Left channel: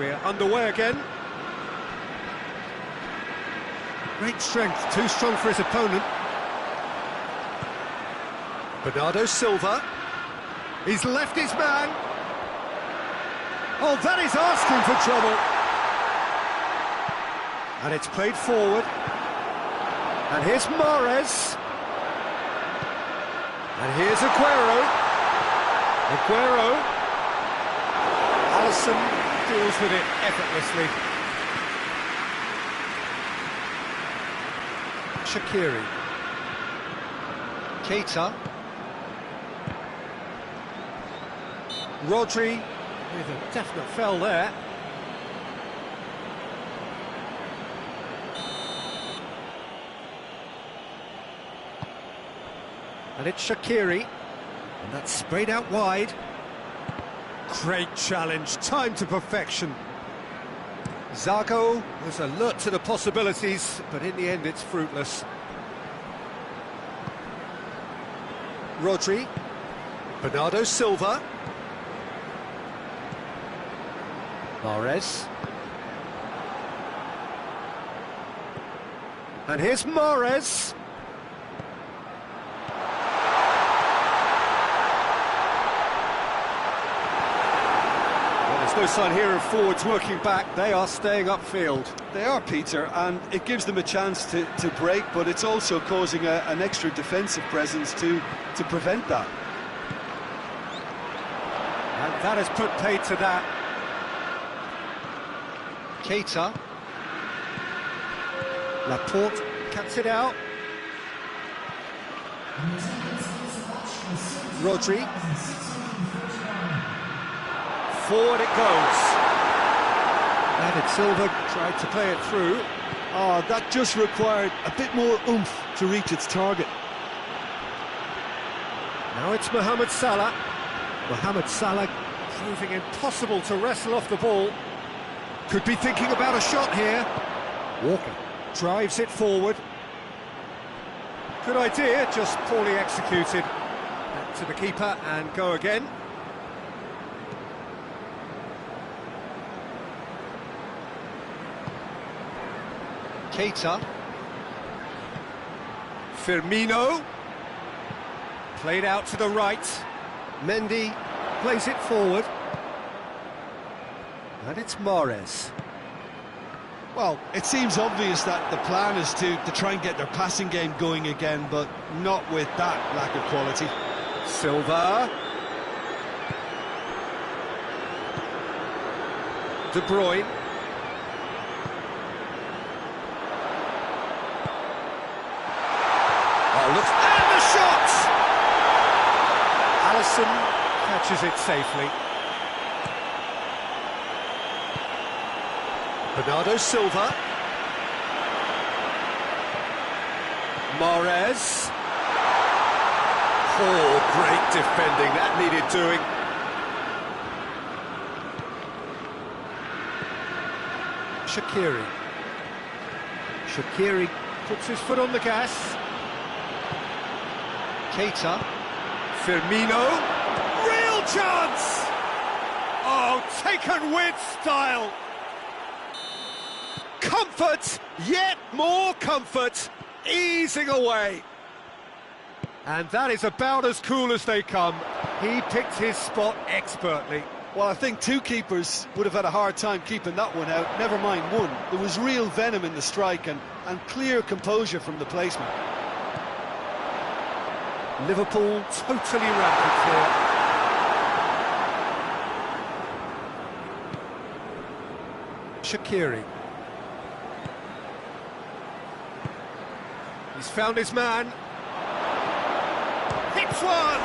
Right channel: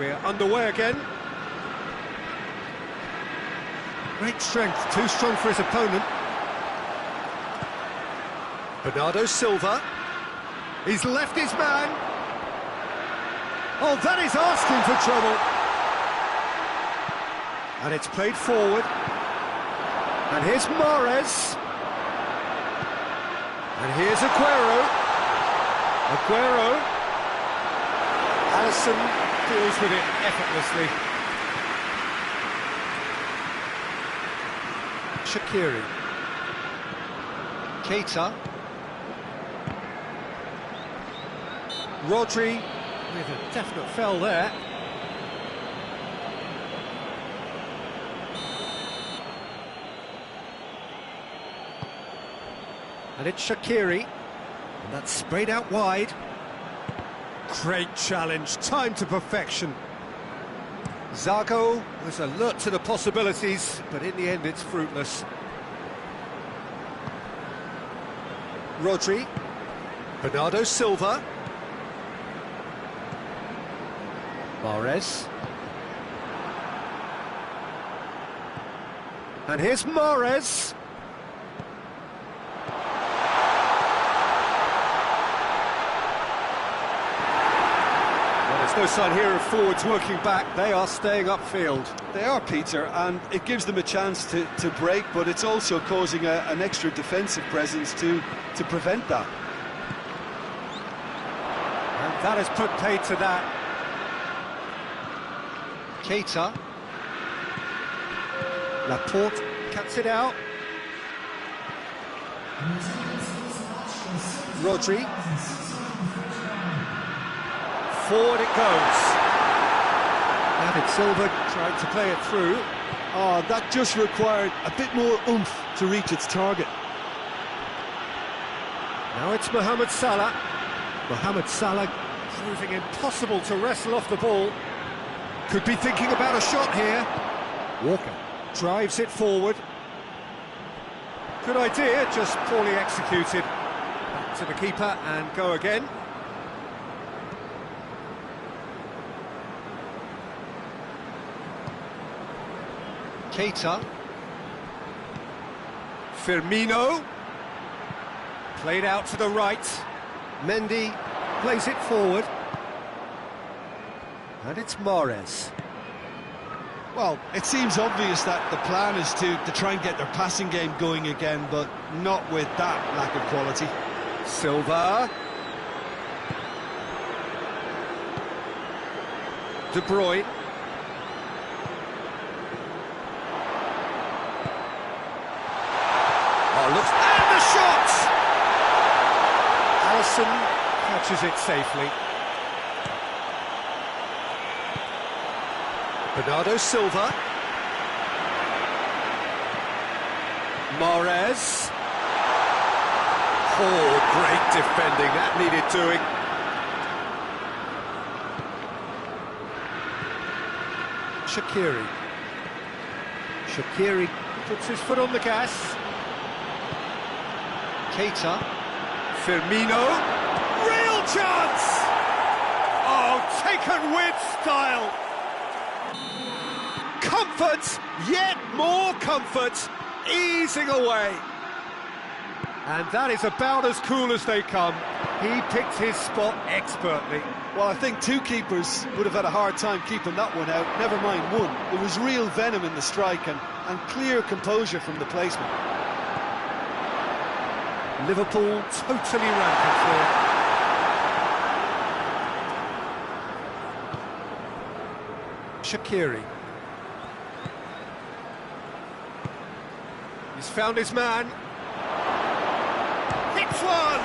we're underway again. Great strength, too strong for his opponent. Bernardo Silva. He's left his man. Oh, that is asking for trouble. And it's played forward. And here's Mahrez. And here's Aguero. Alisson deals with it effortlessly. Shaqiri. Keita. Rodri with a definite foul there. And it's Shaqiri. And that's sprayed out wide. Great challenge, time to perfection. Zago was alert to the possibilities, but in the end it's fruitless. Rodri. Bernardo Silva. Mahrez. And here's Mahrez. Well, there's no sign here of forwards working back. They are staying upfield. They are, Peter, and it gives them a chance to break, but it's also causing an extra defensive presence to prevent that. And that has put paid to that. Keita. Laporte cuts it out. Rodri. Forward it goes. David Silva tried to play it through. Oh, that just required a bit more oomph to reach its target. Now it's Mohamed Salah. Mohamed Salah proving impossible to wrestle off the ball. Could be thinking about a shot here. Walker drives it forward. Good idea, just poorly executed. Back to the keeper and go again. Keita. Firmino. Played out to the right. Mendy plays it forward. And it's Mahrez. Well, it seems obvious that the plan is to try and get their passing game going again, but not with that lack of quality. Silva. De Bruyne. Oh, looks... And the shot! Alisson catches it safely. Bernardo Silva. Mahrez. Oh, great defending, that needed doing. Shaqiri. Shaqiri puts his foot on the gas. Keita. Firmino. Real chance! Oh, taken with style. Comfort, yet more comfort, easing away. And that is about as cool as they come. He picked his spot expertly. Well, I think two keepers would have had a hard time keeping that one out, never mind one. There was real venom in the strike and clear composure from the placement. Liverpool totally rampant here. Shaqiri. He's found his man. Hits one!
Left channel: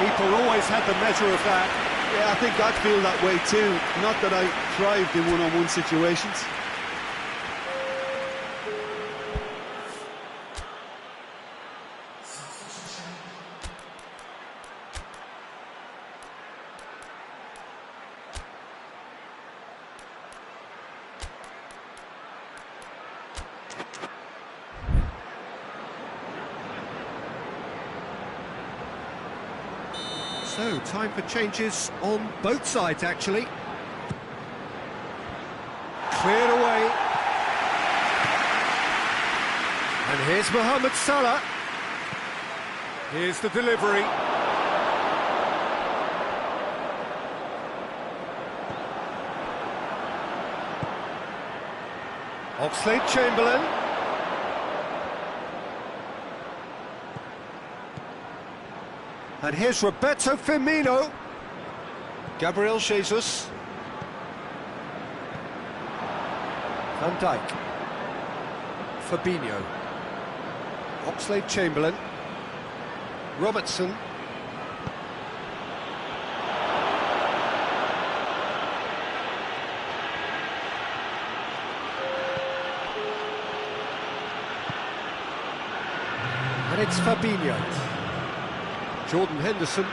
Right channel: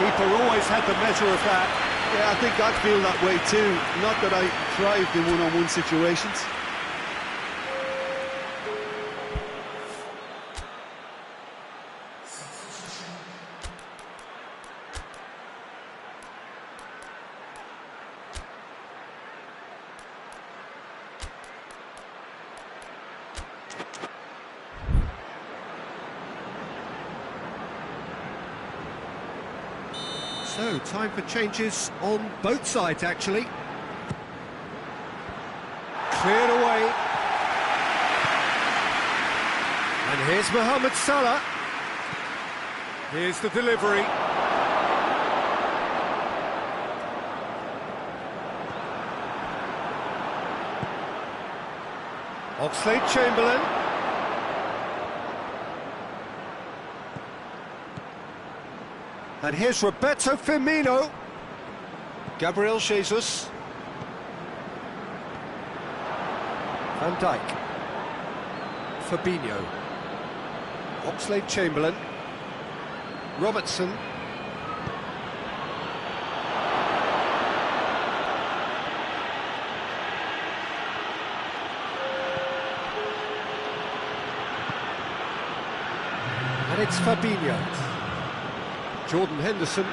Keeper always had the measure of that. Yeah, I think I'd feel that way too. Not that I thrived in one-on-one situations. So, time for changes on both sides, actually. Cleared away. And here's Mohamed Salah. Here's the delivery. Oxlade-Chamberlain. And here's Roberto Firmino. Gabriel Jesus. Van Dijk. Fabinho. Oxlade-Chamberlain. Robertson. And it's Fabinho. Jordan Henderson.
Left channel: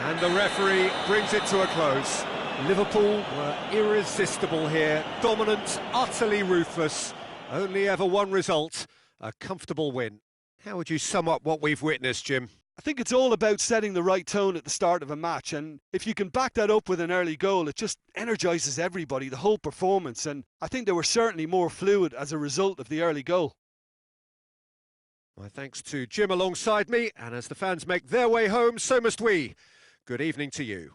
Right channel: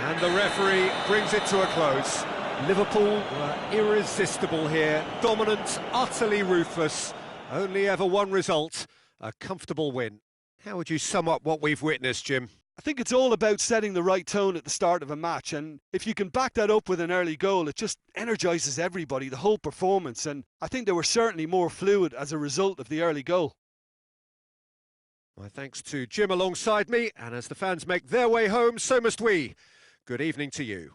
And the referee brings it to a close. Liverpool were irresistible here, dominant, utterly ruthless. Only ever one result, a comfortable win. How would you sum up what we've witnessed, Jim? I think it's all about setting the right tone at the start of a match, and if you can back that up with an early goal, it just energises everybody, the whole performance, and I think they were certainly more fluid as a result of the early goal. My thanks to Jim alongside me, and as the fans make their way home, so must we. Good evening to you.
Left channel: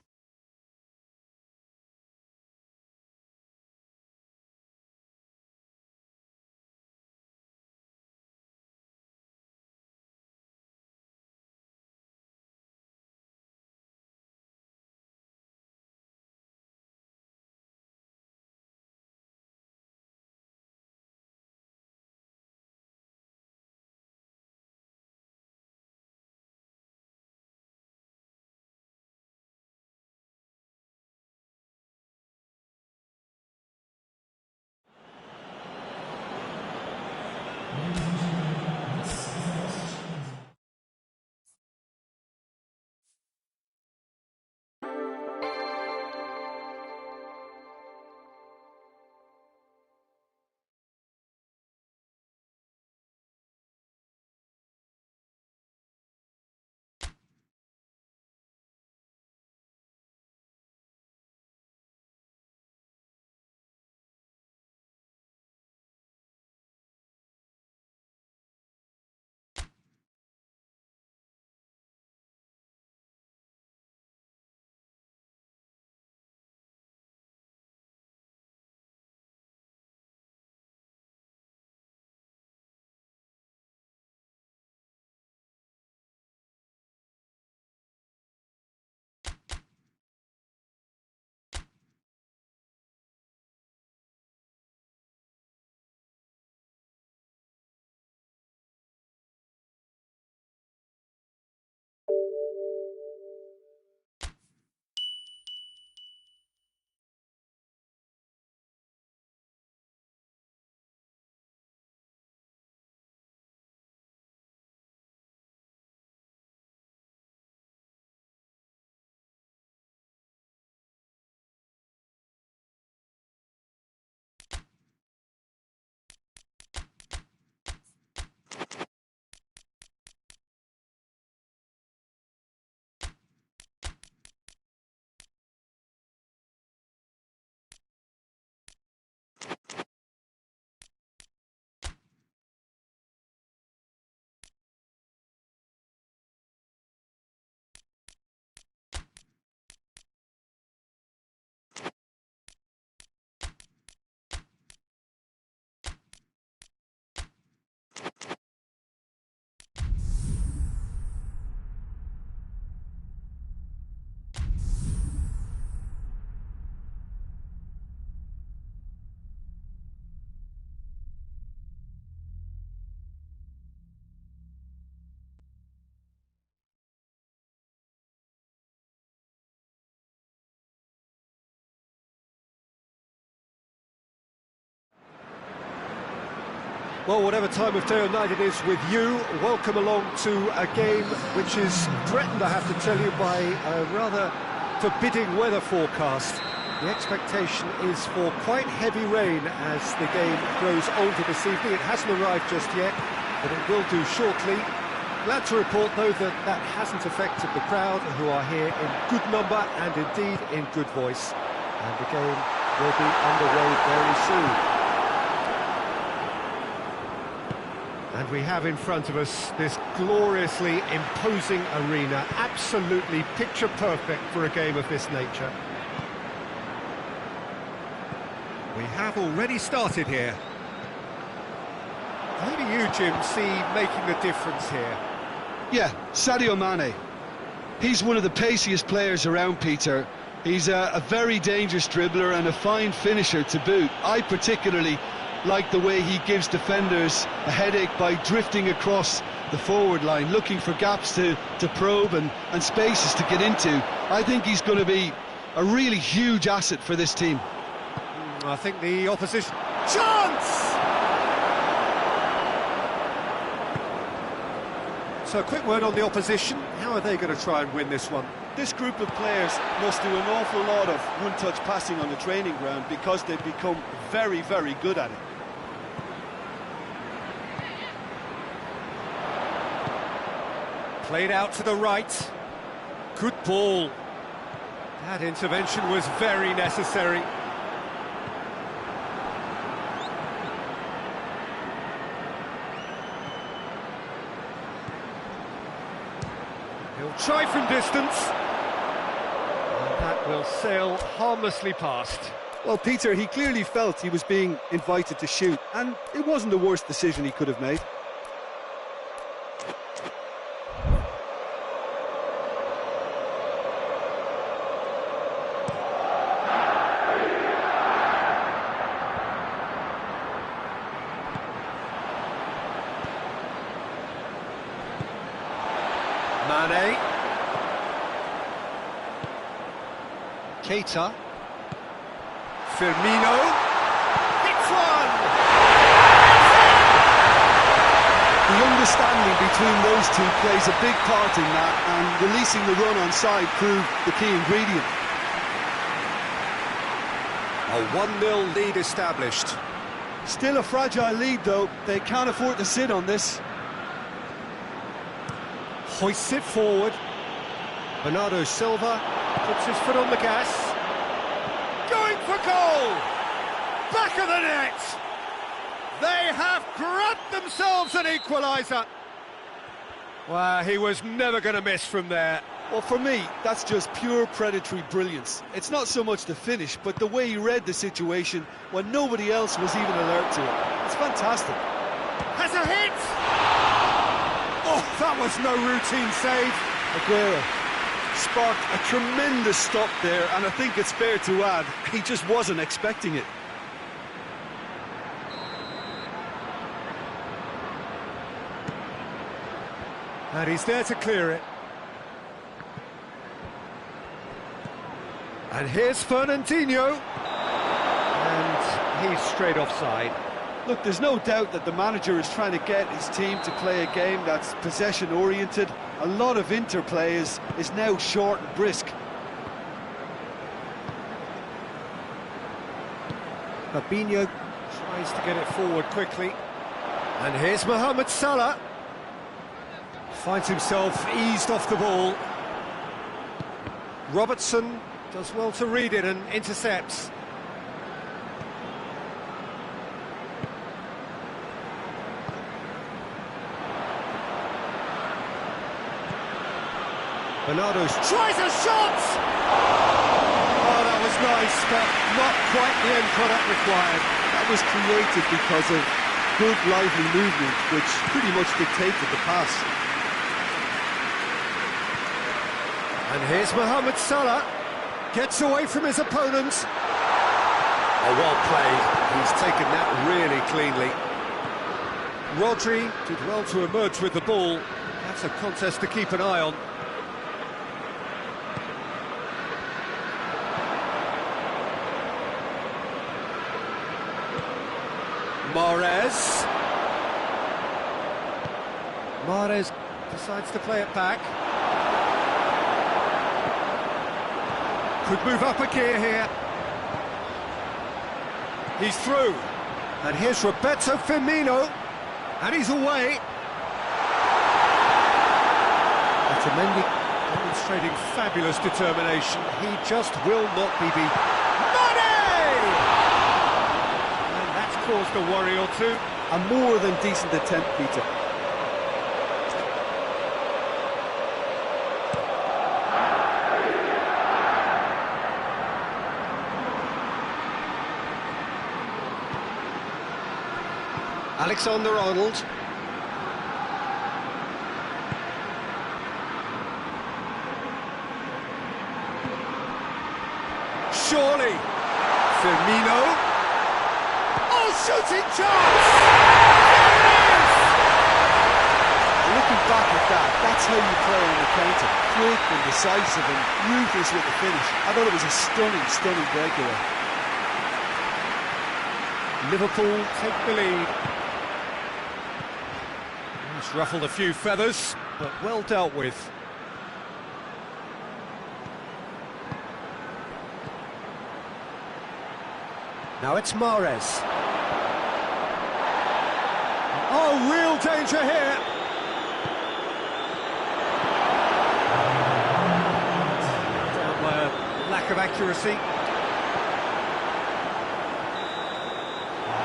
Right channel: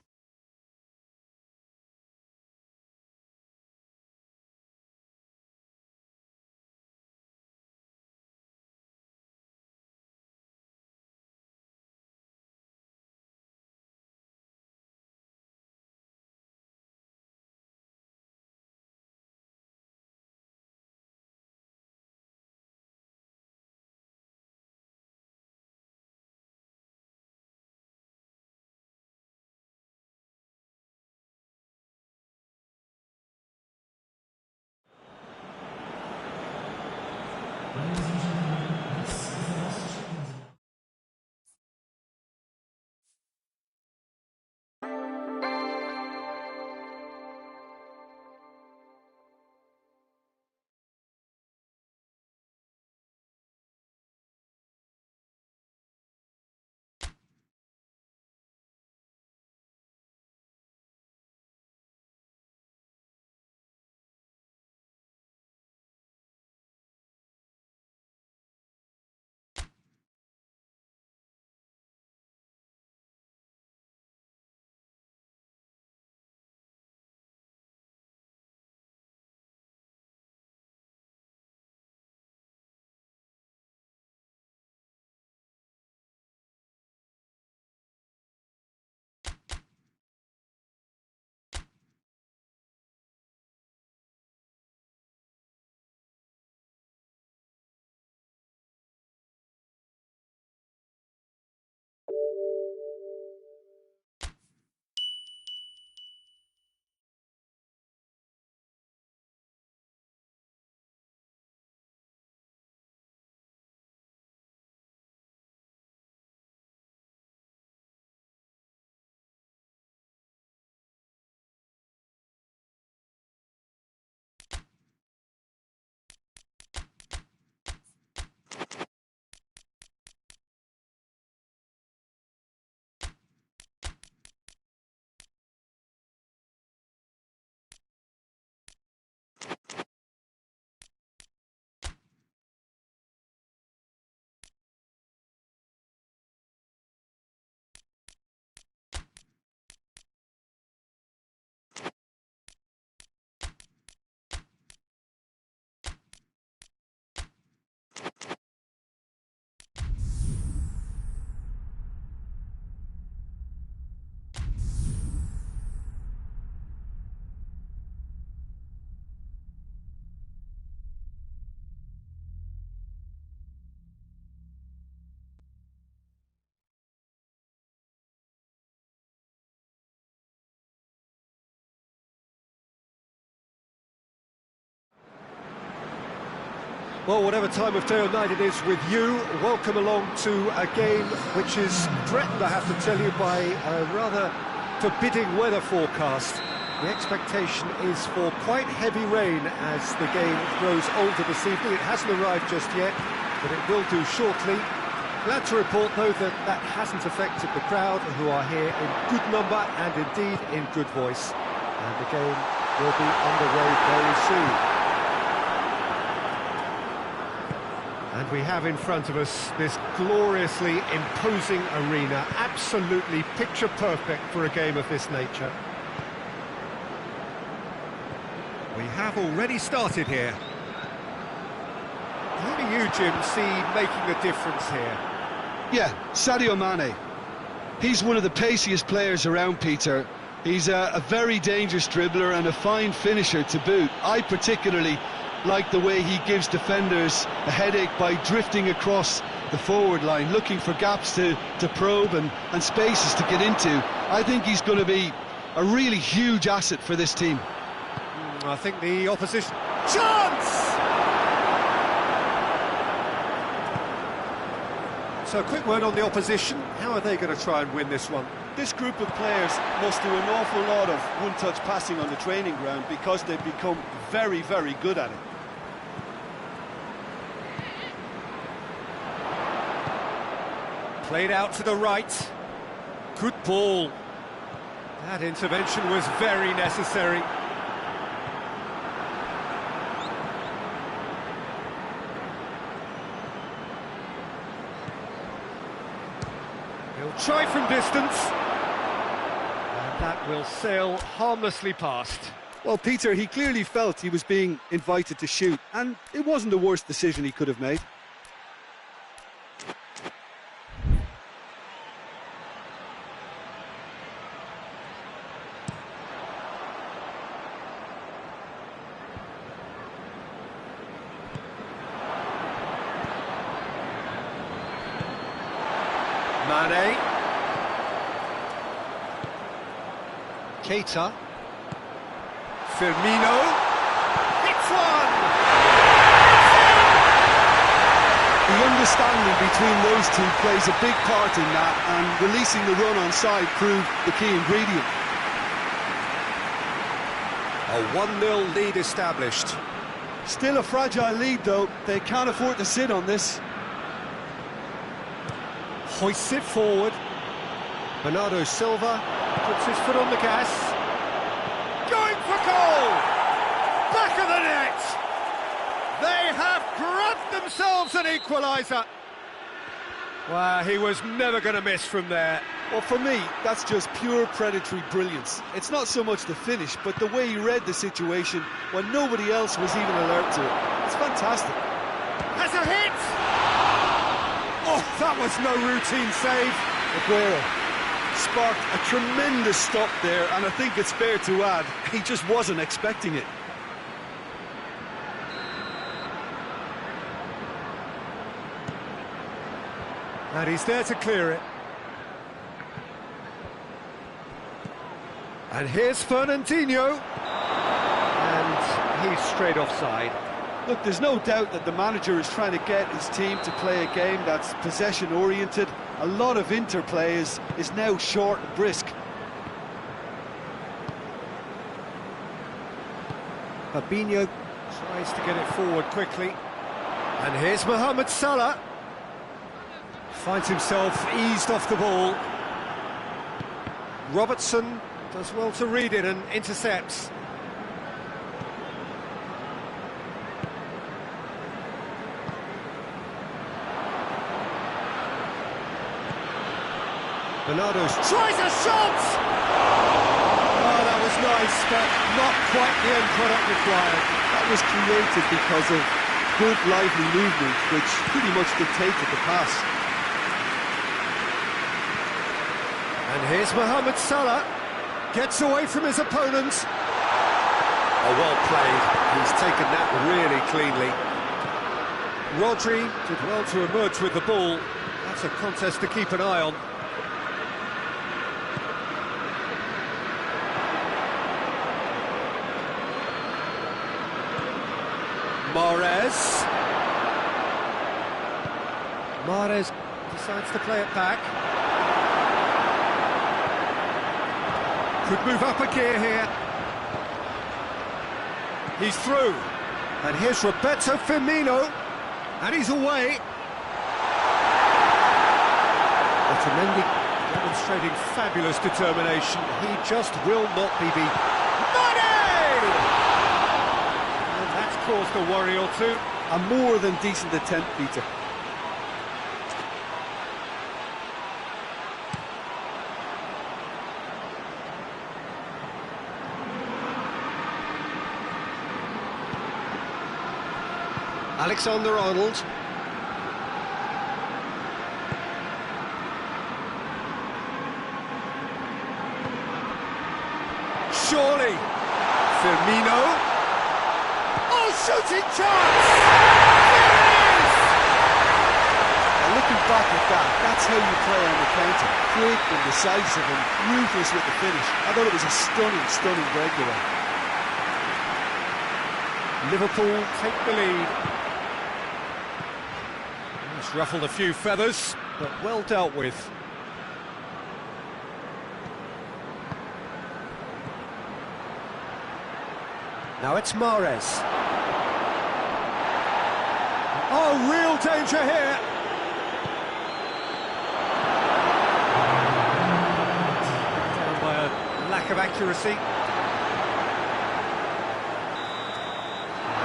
Well, whatever time of day or night it is with you, welcome along to a game which is threatened, I have to tell you, by a rather forbidding weather forecast. The expectation is for quite heavy rain as the game grows older this evening. It hasn't arrived just yet, but it will do shortly. Glad to report, though, that that hasn't affected the crowd, who are here in good number and indeed in good voice. And the game will be underway very soon. And we have in front of us this gloriously imposing arena, absolutely picture perfect for a game of this nature. We have already started here. Who do you, Jim, see making the difference here? Yeah, Sadio Mane. He's one of the paciest players around, Peter. He's a very dangerous dribbler and a fine finisher to boot. I particularly like the way he gives defenders a headache by drifting across the forward line, looking for gaps to probe and spaces to get into. I think he's going to be a really huge asset for this team. I think the opposition... Chance! So a quick word on the opposition. How are they going to try and win this one? This group of players must do an awful lot of one-touch passing on the training ground because they've become very, very good at it. Played out to the right. Good ball. That intervention was very necessary. He'll try from distance. And that will sail harmlessly past. Well, Peter, he clearly felt he was being invited to shoot, and it wasn't the worst decision he could have made. Mane. Keita. Firmino. Hits one! It's in! The understanding between those two plays a big part in that, and releasing the run on side proved the key ingredient. A 1-0 lead established. Still a fragile lead, though. They can't afford to sit on this. Hoists it forward. Bernardo Silva puts his foot on the gas. Going for goal! Back of the net! They have grabbed themselves an equaliser. Well, he was never going to miss from there. Well, for me, that's just pure predatory brilliance. It's not so much the finish, but the way he read the situation when nobody else was even alert to it. It's fantastic. Has a hit! Oh, that was no routine save. Aguero sparked a tremendous stop there, and I think it's fair to add, he just wasn't expecting it. And he's there to clear it. And here's Fernandinho. And he's straight offside. Look, there's no doubt that the manager is trying to get his team to play a game that's possession-oriented. A lot of interplay is now short and brisk. Fabinho tries to get it forward quickly. And here's Mohamed Salah. Finds himself eased off the ball. Robertson does well to read it and intercepts. Bernardo tries a shot! Oh, that was nice, but not quite the end product required. That was created because of good, lively movement, which pretty much dictated the pass. And here's Mohamed Salah. Gets away from his opponent. Oh, well played. He's taken that really cleanly. Rodri did well to emerge with the ball. That's a contest to keep an eye on. Mahrez decides to play it back. Could move up a gear here. He's through. And here's Roberto Firmino. And he's away. Otamendi demonstrating fabulous determination. He just will not be beaten. Mane! And that's caused a worry or two. A more than decent attempt, Peter. Alexander-Arnold. Surely. Firmino. Oh, shooting chance! There it is! Looking back at that, that's how you play on the counter. Quick and decisive and ruthless with the finish. I thought it was a stunning breakaway. Liverpool take the lead. It's ruffled a few feathers, but well dealt with. Now it's Mahrez. Oh, real danger here. Down by a lack of accuracy.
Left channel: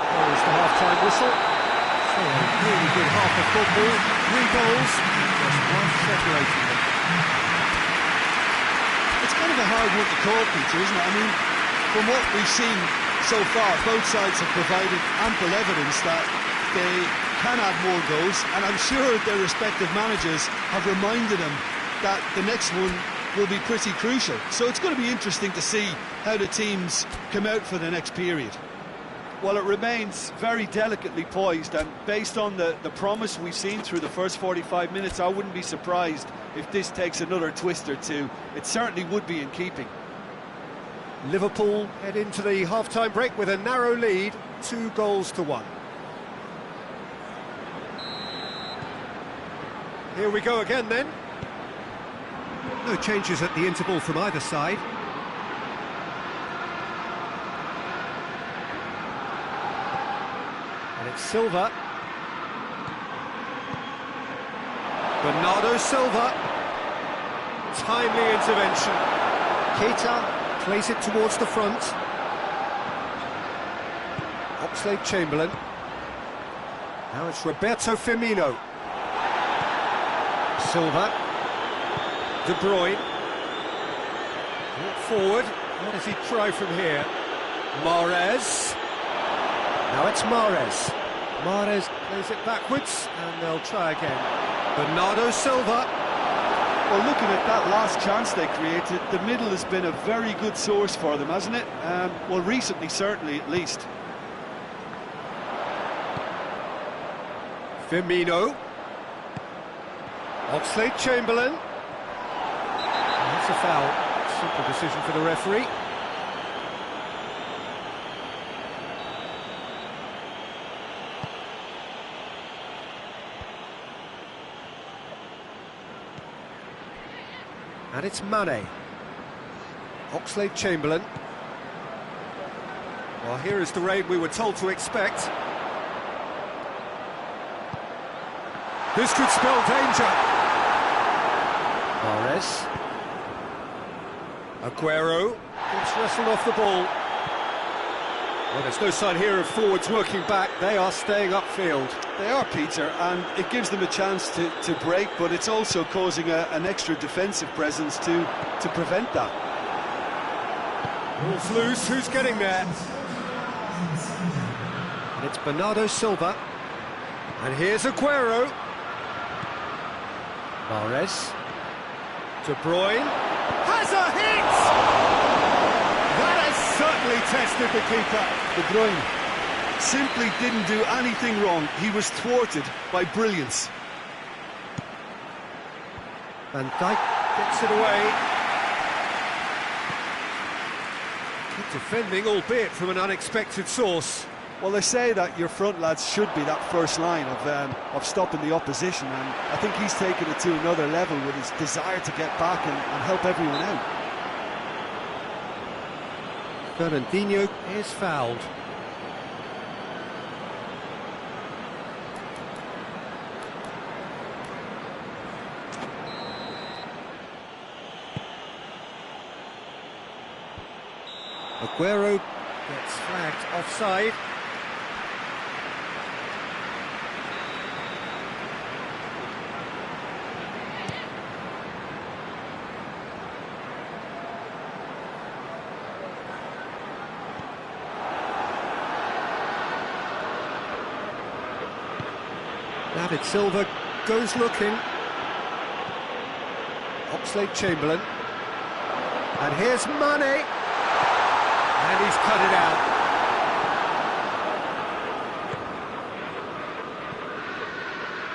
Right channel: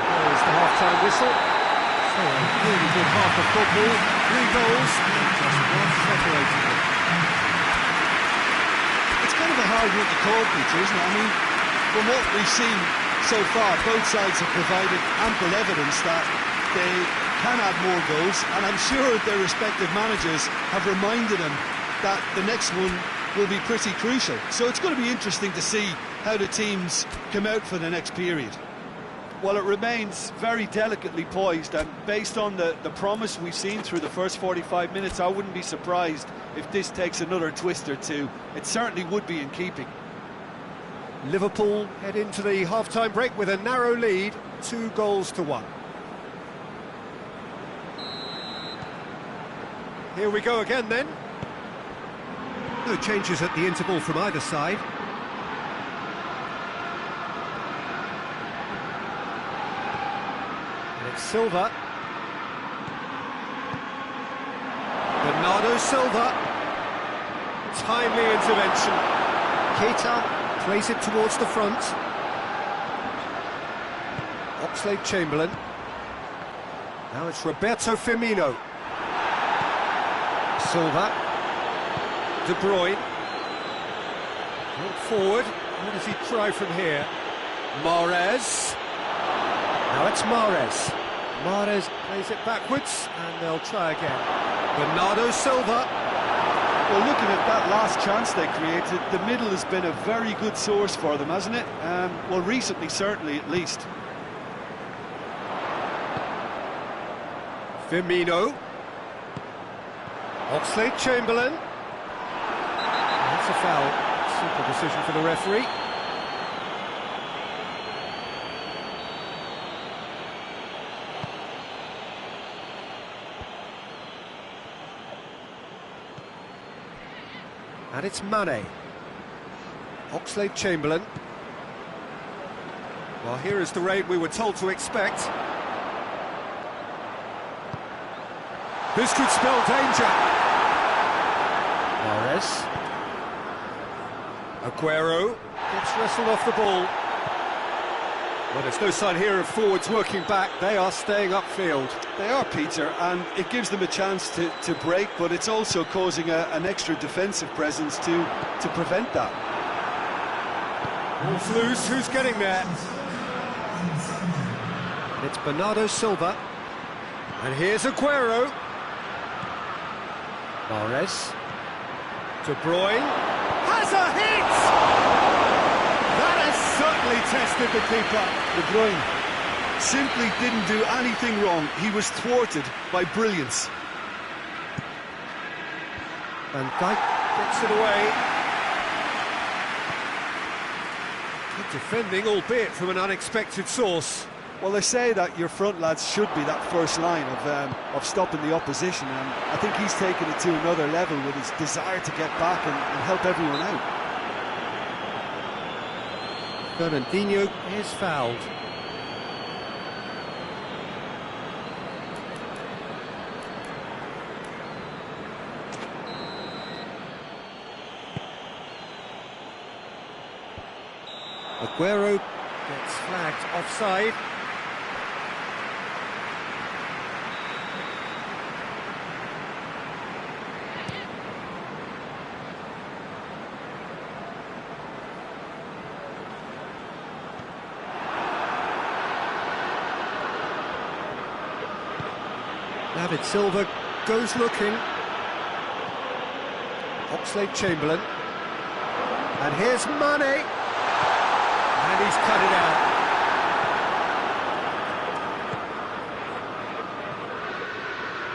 There is the half-time whistle. So a really good half of football. 3 goals and just one separating them. It's kind of a hard one to call, Peter, isn't it? I mean, from what we've seen so far, both sides have provided ample evidence that they can add more goals, and I'm sure their respective managers have reminded them that the next one will be pretty crucial. So it's going to be interesting to see how the teams come out for the next period. Well, it remains very delicately poised, and based on the promise we've seen through the first 45 minutes, I wouldn't be surprised if this takes another twist or two. It certainly would be in keeping. Liverpool head into the half-time break with a narrow lead, 2-1. Here we go again then. No changes at the interval from either side. And it's Silva. Bernardo Silva. Timely intervention. Keita plays it towards the front. Oxlade-Chamberlain. Now it's Roberto Firmino. Silva. De Bruyne. Brought forward. What does he try from here? Mahrez. Now it's Mahrez. Mahrez plays it backwards, and they'll try again. Bernardo Silva. Well, looking at that last chance they created, the middle has been a very good source for them, hasn't it? Well, recently, certainly, at least. Firmino. Oxlade-Chamberlain. That's a foul. Simple decision for the referee. And it's Mane. Oxlade-Chamberlain. Well, here is the raid we were told to expect. This could spell danger. Mahrez. Aguero gets wrestled off the ball. Well, there's no sign here of forwards working back. They are staying upfield. They are, Peter, and it gives them a chance to break, but it's also causing an extra defensive presence to prevent that. Ball's loose. Who's getting there? And it's Bernardo Silva. And here's Aguero. Mahrez. De Bruyne. Has a hit! That has certainly tested the keeper. De Bruyne simply didn't do anything wrong. He was thwarted by brilliance. Van Dijk gets it away. Good defending, albeit from an unexpected source. Well, they say that your front lads should be that first line of stopping the opposition, and I think he's taken it to another level with his desire to get back and help everyone out. Fernandinho is fouled. Aguero gets flagged offside. David Silva goes looking. Oxlade-Chamberlain. And here's Mane. And he's cut it out.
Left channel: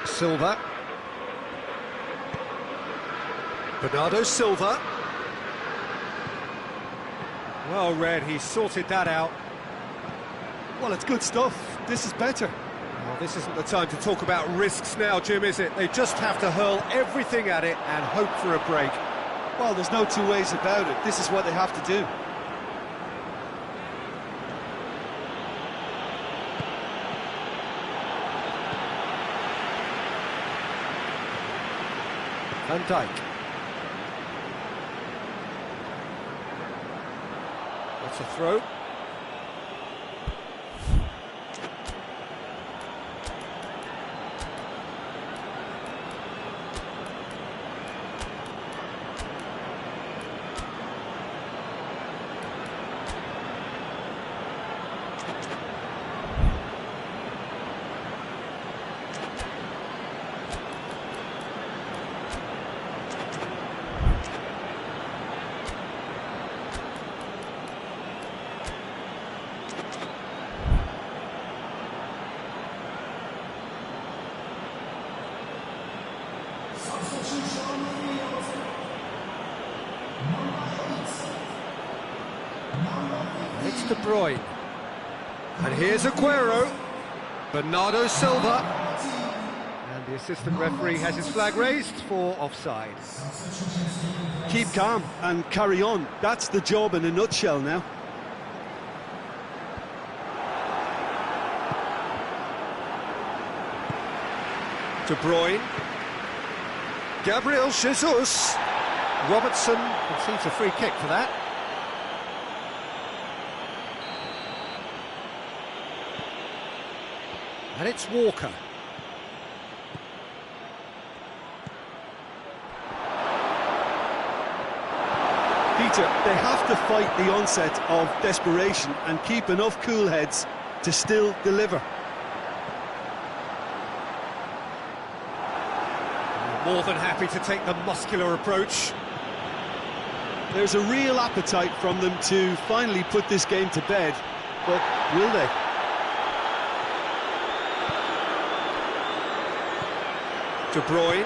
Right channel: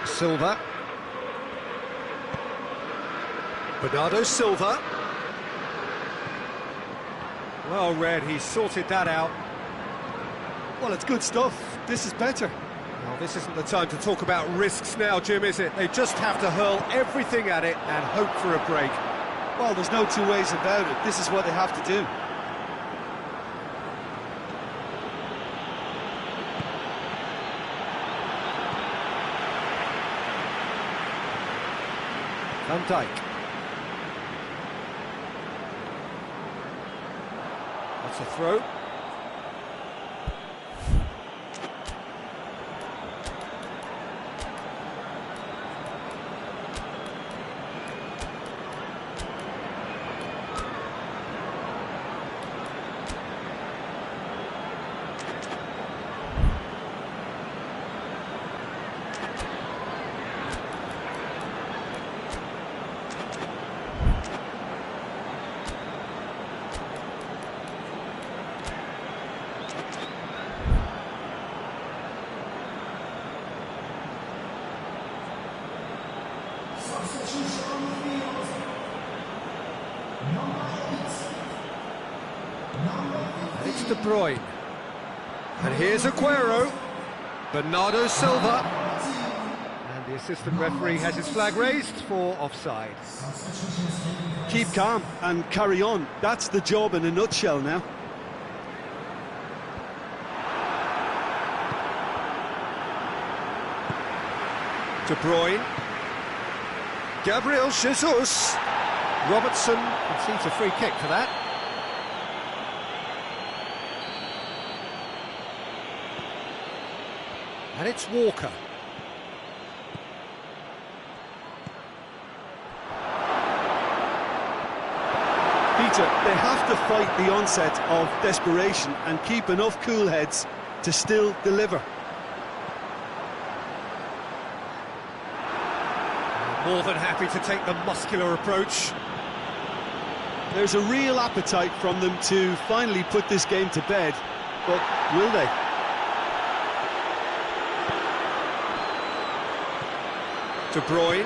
Silva. Bernardo Silva. Well read, he sorted that out. Well, it's good stuff. This is better. Well, this isn't the time to talk about risks now, Jim, is it? They just have to hurl everything at it and hope for a break. Well, there's no two ways about it. This is what they have to do. Van Dijk. That's a throw. It's De Bruyne. And here's Aguero. Bernardo Silva. And the assistant referee has his flag raised for offside. Keep calm and carry on. That's the job in a nutshell now. De Bruyne. Gabriel Jesus. Robertson concedes a free kick for that. And it's Walker. Peter, they have to fight the onset of desperation and keep enough cool heads to still deliver. More than happy to take the muscular approach. There's a real appetite from them to finally put this game to bed, but will they? De Bruyne.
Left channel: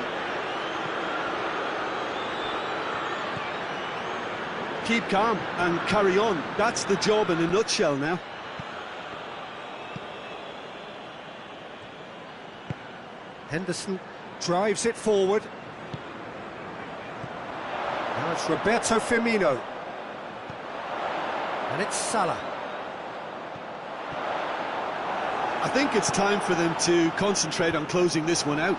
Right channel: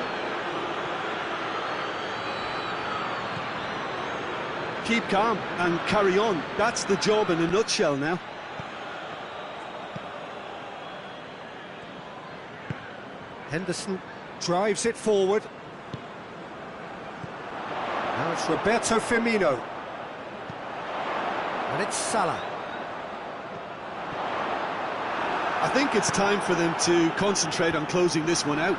Keep calm and carry on. That's the job in a nutshell now. Henderson drives it forward. Now it's Roberto Firmino. And it's Salah. I think it's time for them to concentrate on closing this one out.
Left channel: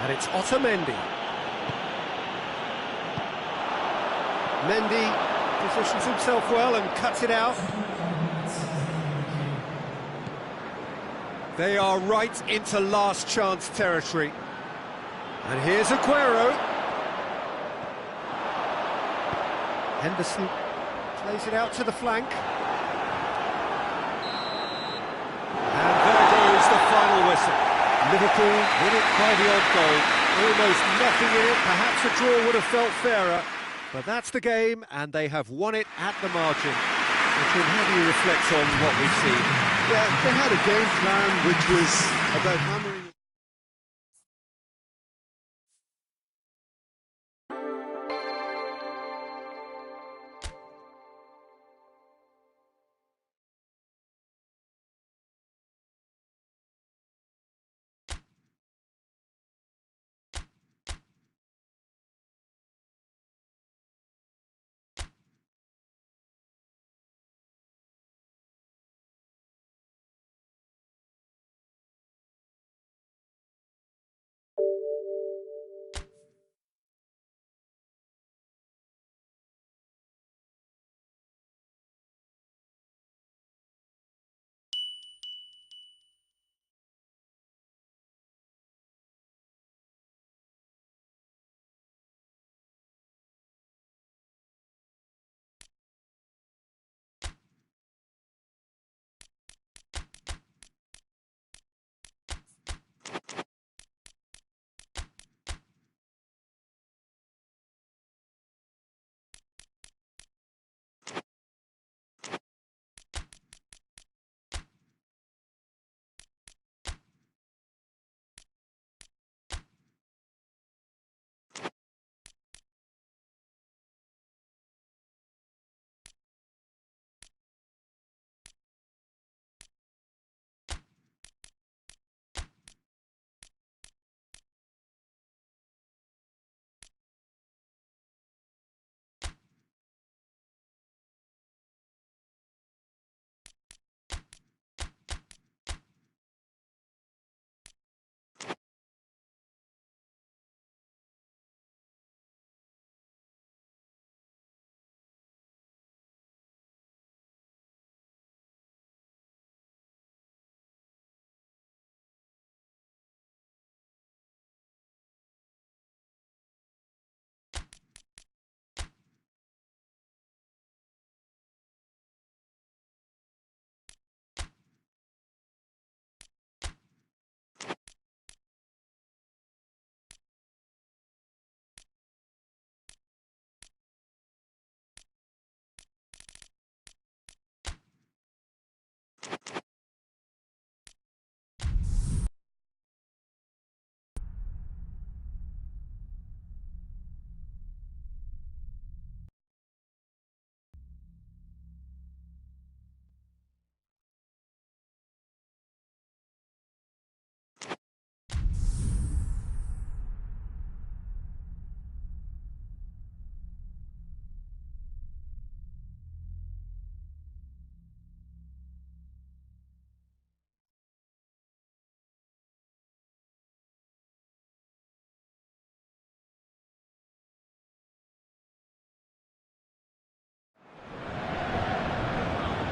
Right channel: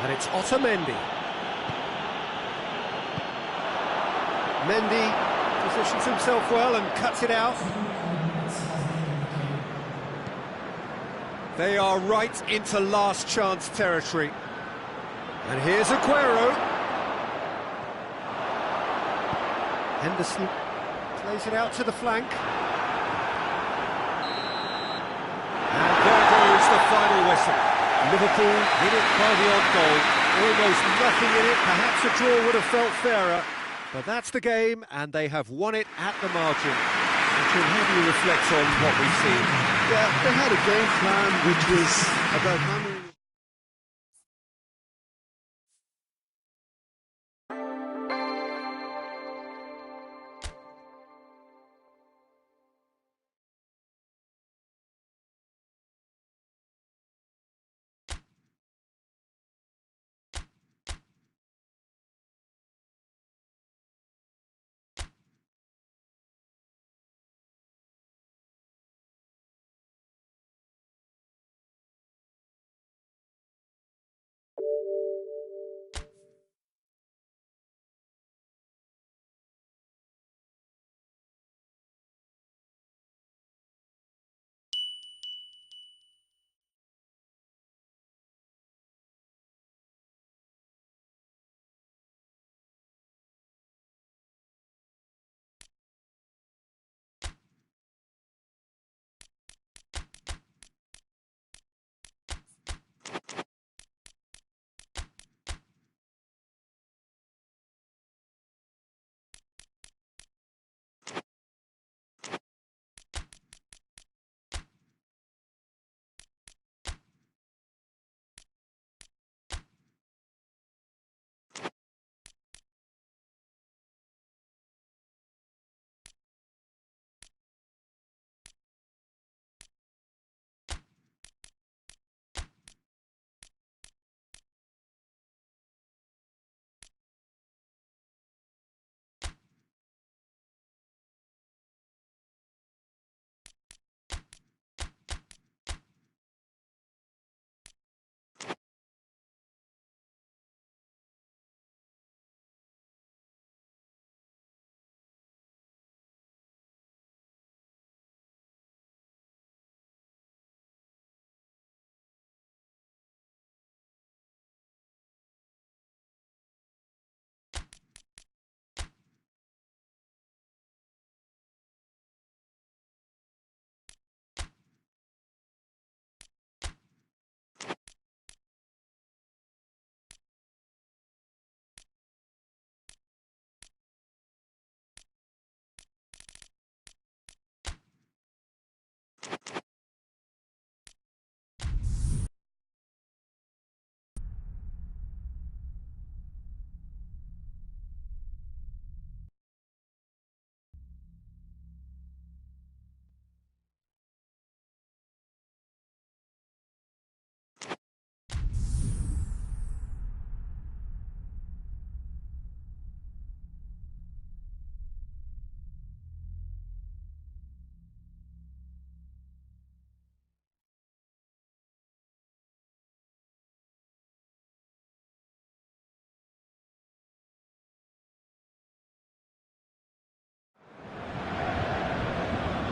And it's Otamendi. Mendy positions himself well and cuts it out. They are right into last chance territory. And here's Aguero. Henderson plays it out to the flank. And there goes the final whistle. Liverpool win it by the odd goal. Almost nothing in it. Perhaps a draw would have felt fairer. But that's the game, and they have won it at the margin. Jim, how do you reflect on what we've seen? Yeah, they had a game plan which was about hammering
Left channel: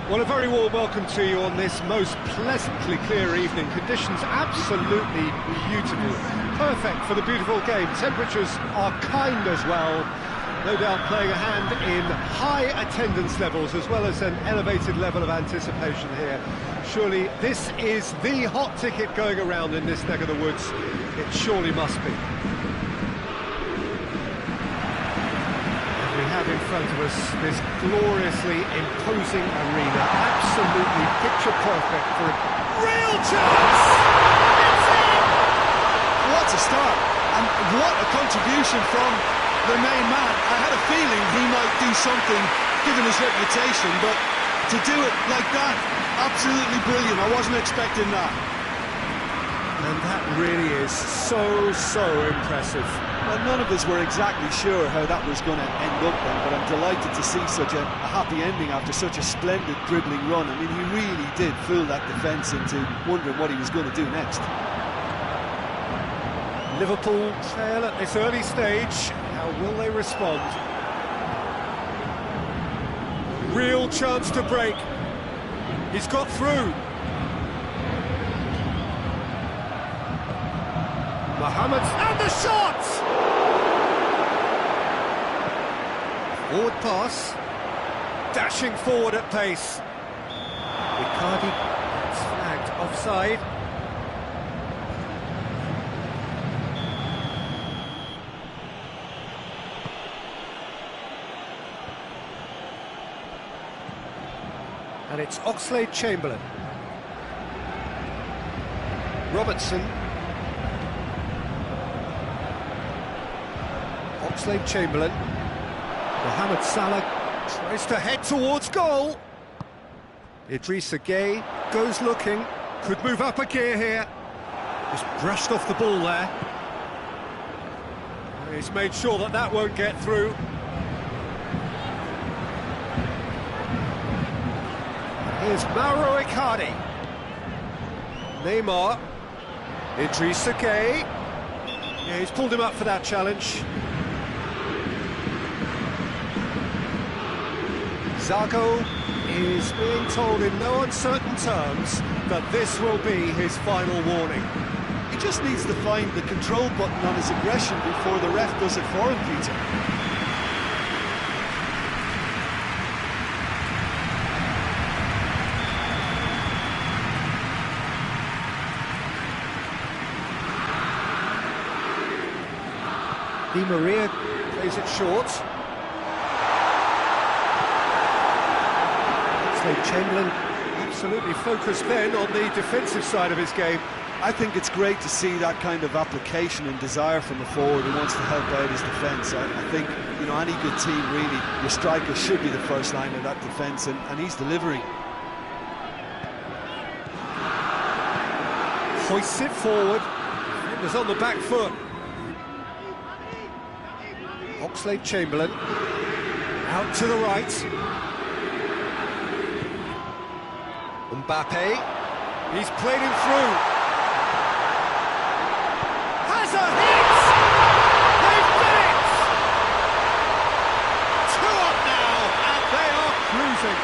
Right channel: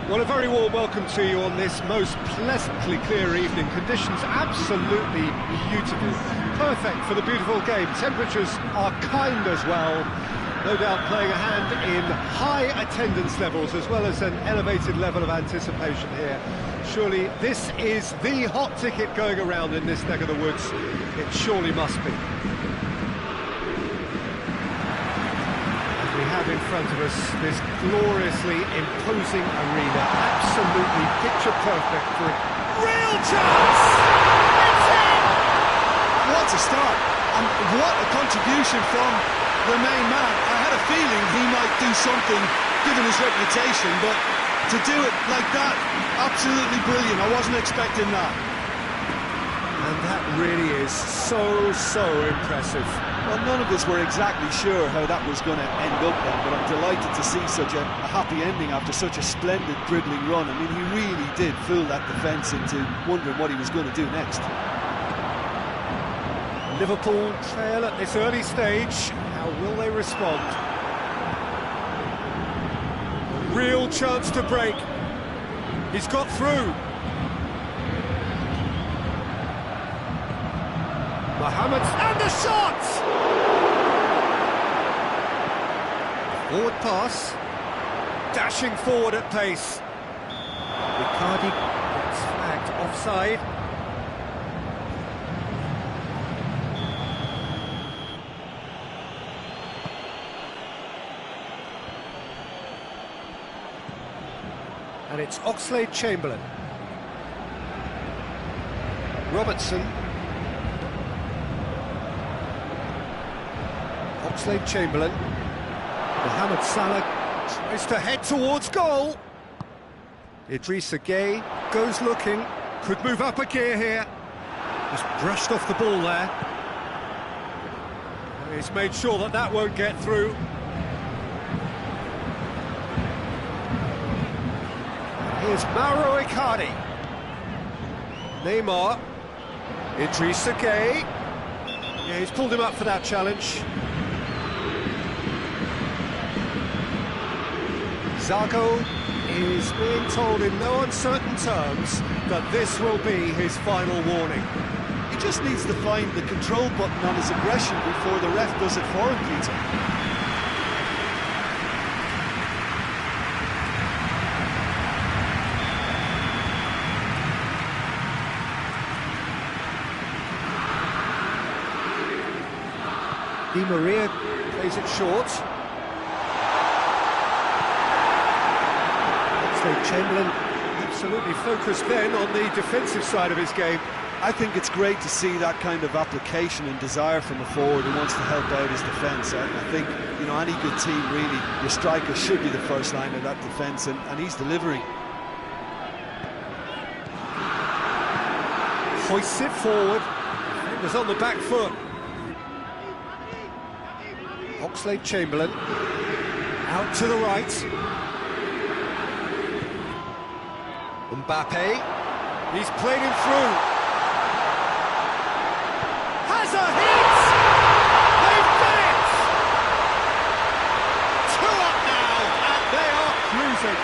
Well, a very warm welcome to you on this most pleasantly clear evening. Conditions absolutely beautiful. Perfect for the beautiful game. Temperatures are kind as well. No doubt playing a hand in high attendance levels as well as an elevated level of anticipation here. Surely this is the hot ticket going around in this neck of the woods. It surely must be. We have in front of us this gloriously imposing arena, absolutely picture perfect for a real chance! It's in! What a start, and what a contribution from the main man. I had a feeling he might do something, given his reputation, but to do it like that, absolutely brilliant. I wasn't expecting that. And that really is so impressive. Well, none of us were exactly sure how that was going to end up then, but I'm delighted to see such a happy ending after such a splendid dribbling run. I mean, he really did fool that defence into wondering what he was going to do next. Liverpool trail at this early stage. How will they respond? Real chance to break. He's got through. Mohamed, and the shot! Forward pass. Dashing forward at pace. Icardi gets flagged offside. And it's Oxlade-Chamberlain. Robertson. Oxlade-Chamberlain. Mohamed Salah tries to head towards goal. Idrissa Gueye goes looking. Could move up a gear here. Just brushed off the ball there. He's made sure that that won't get through. Here's Mauro Icardi. Neymar. Idrissa Gueye. Yeah, he's pulled him up for that challenge. Zago is being told in no uncertain terms that this will be his final warning. He just needs to find the control button on his aggression before the ref does it for him, Peter. Di Maria plays it short. Oxlade-Chamberlain absolutely focused then on the defensive side of his game. I think it's great to see that kind of application and desire from a forward who wants to help out his defence. I think, you know, any good team really, your striker should be the first line of that defence, and he's delivering. Hoists it forward. Defenders on the back foot. Oxlade-Chamberlain out to the right. Mbappe, he's played him through. Has a hit! They've done it! 2 up now, and they are cruising.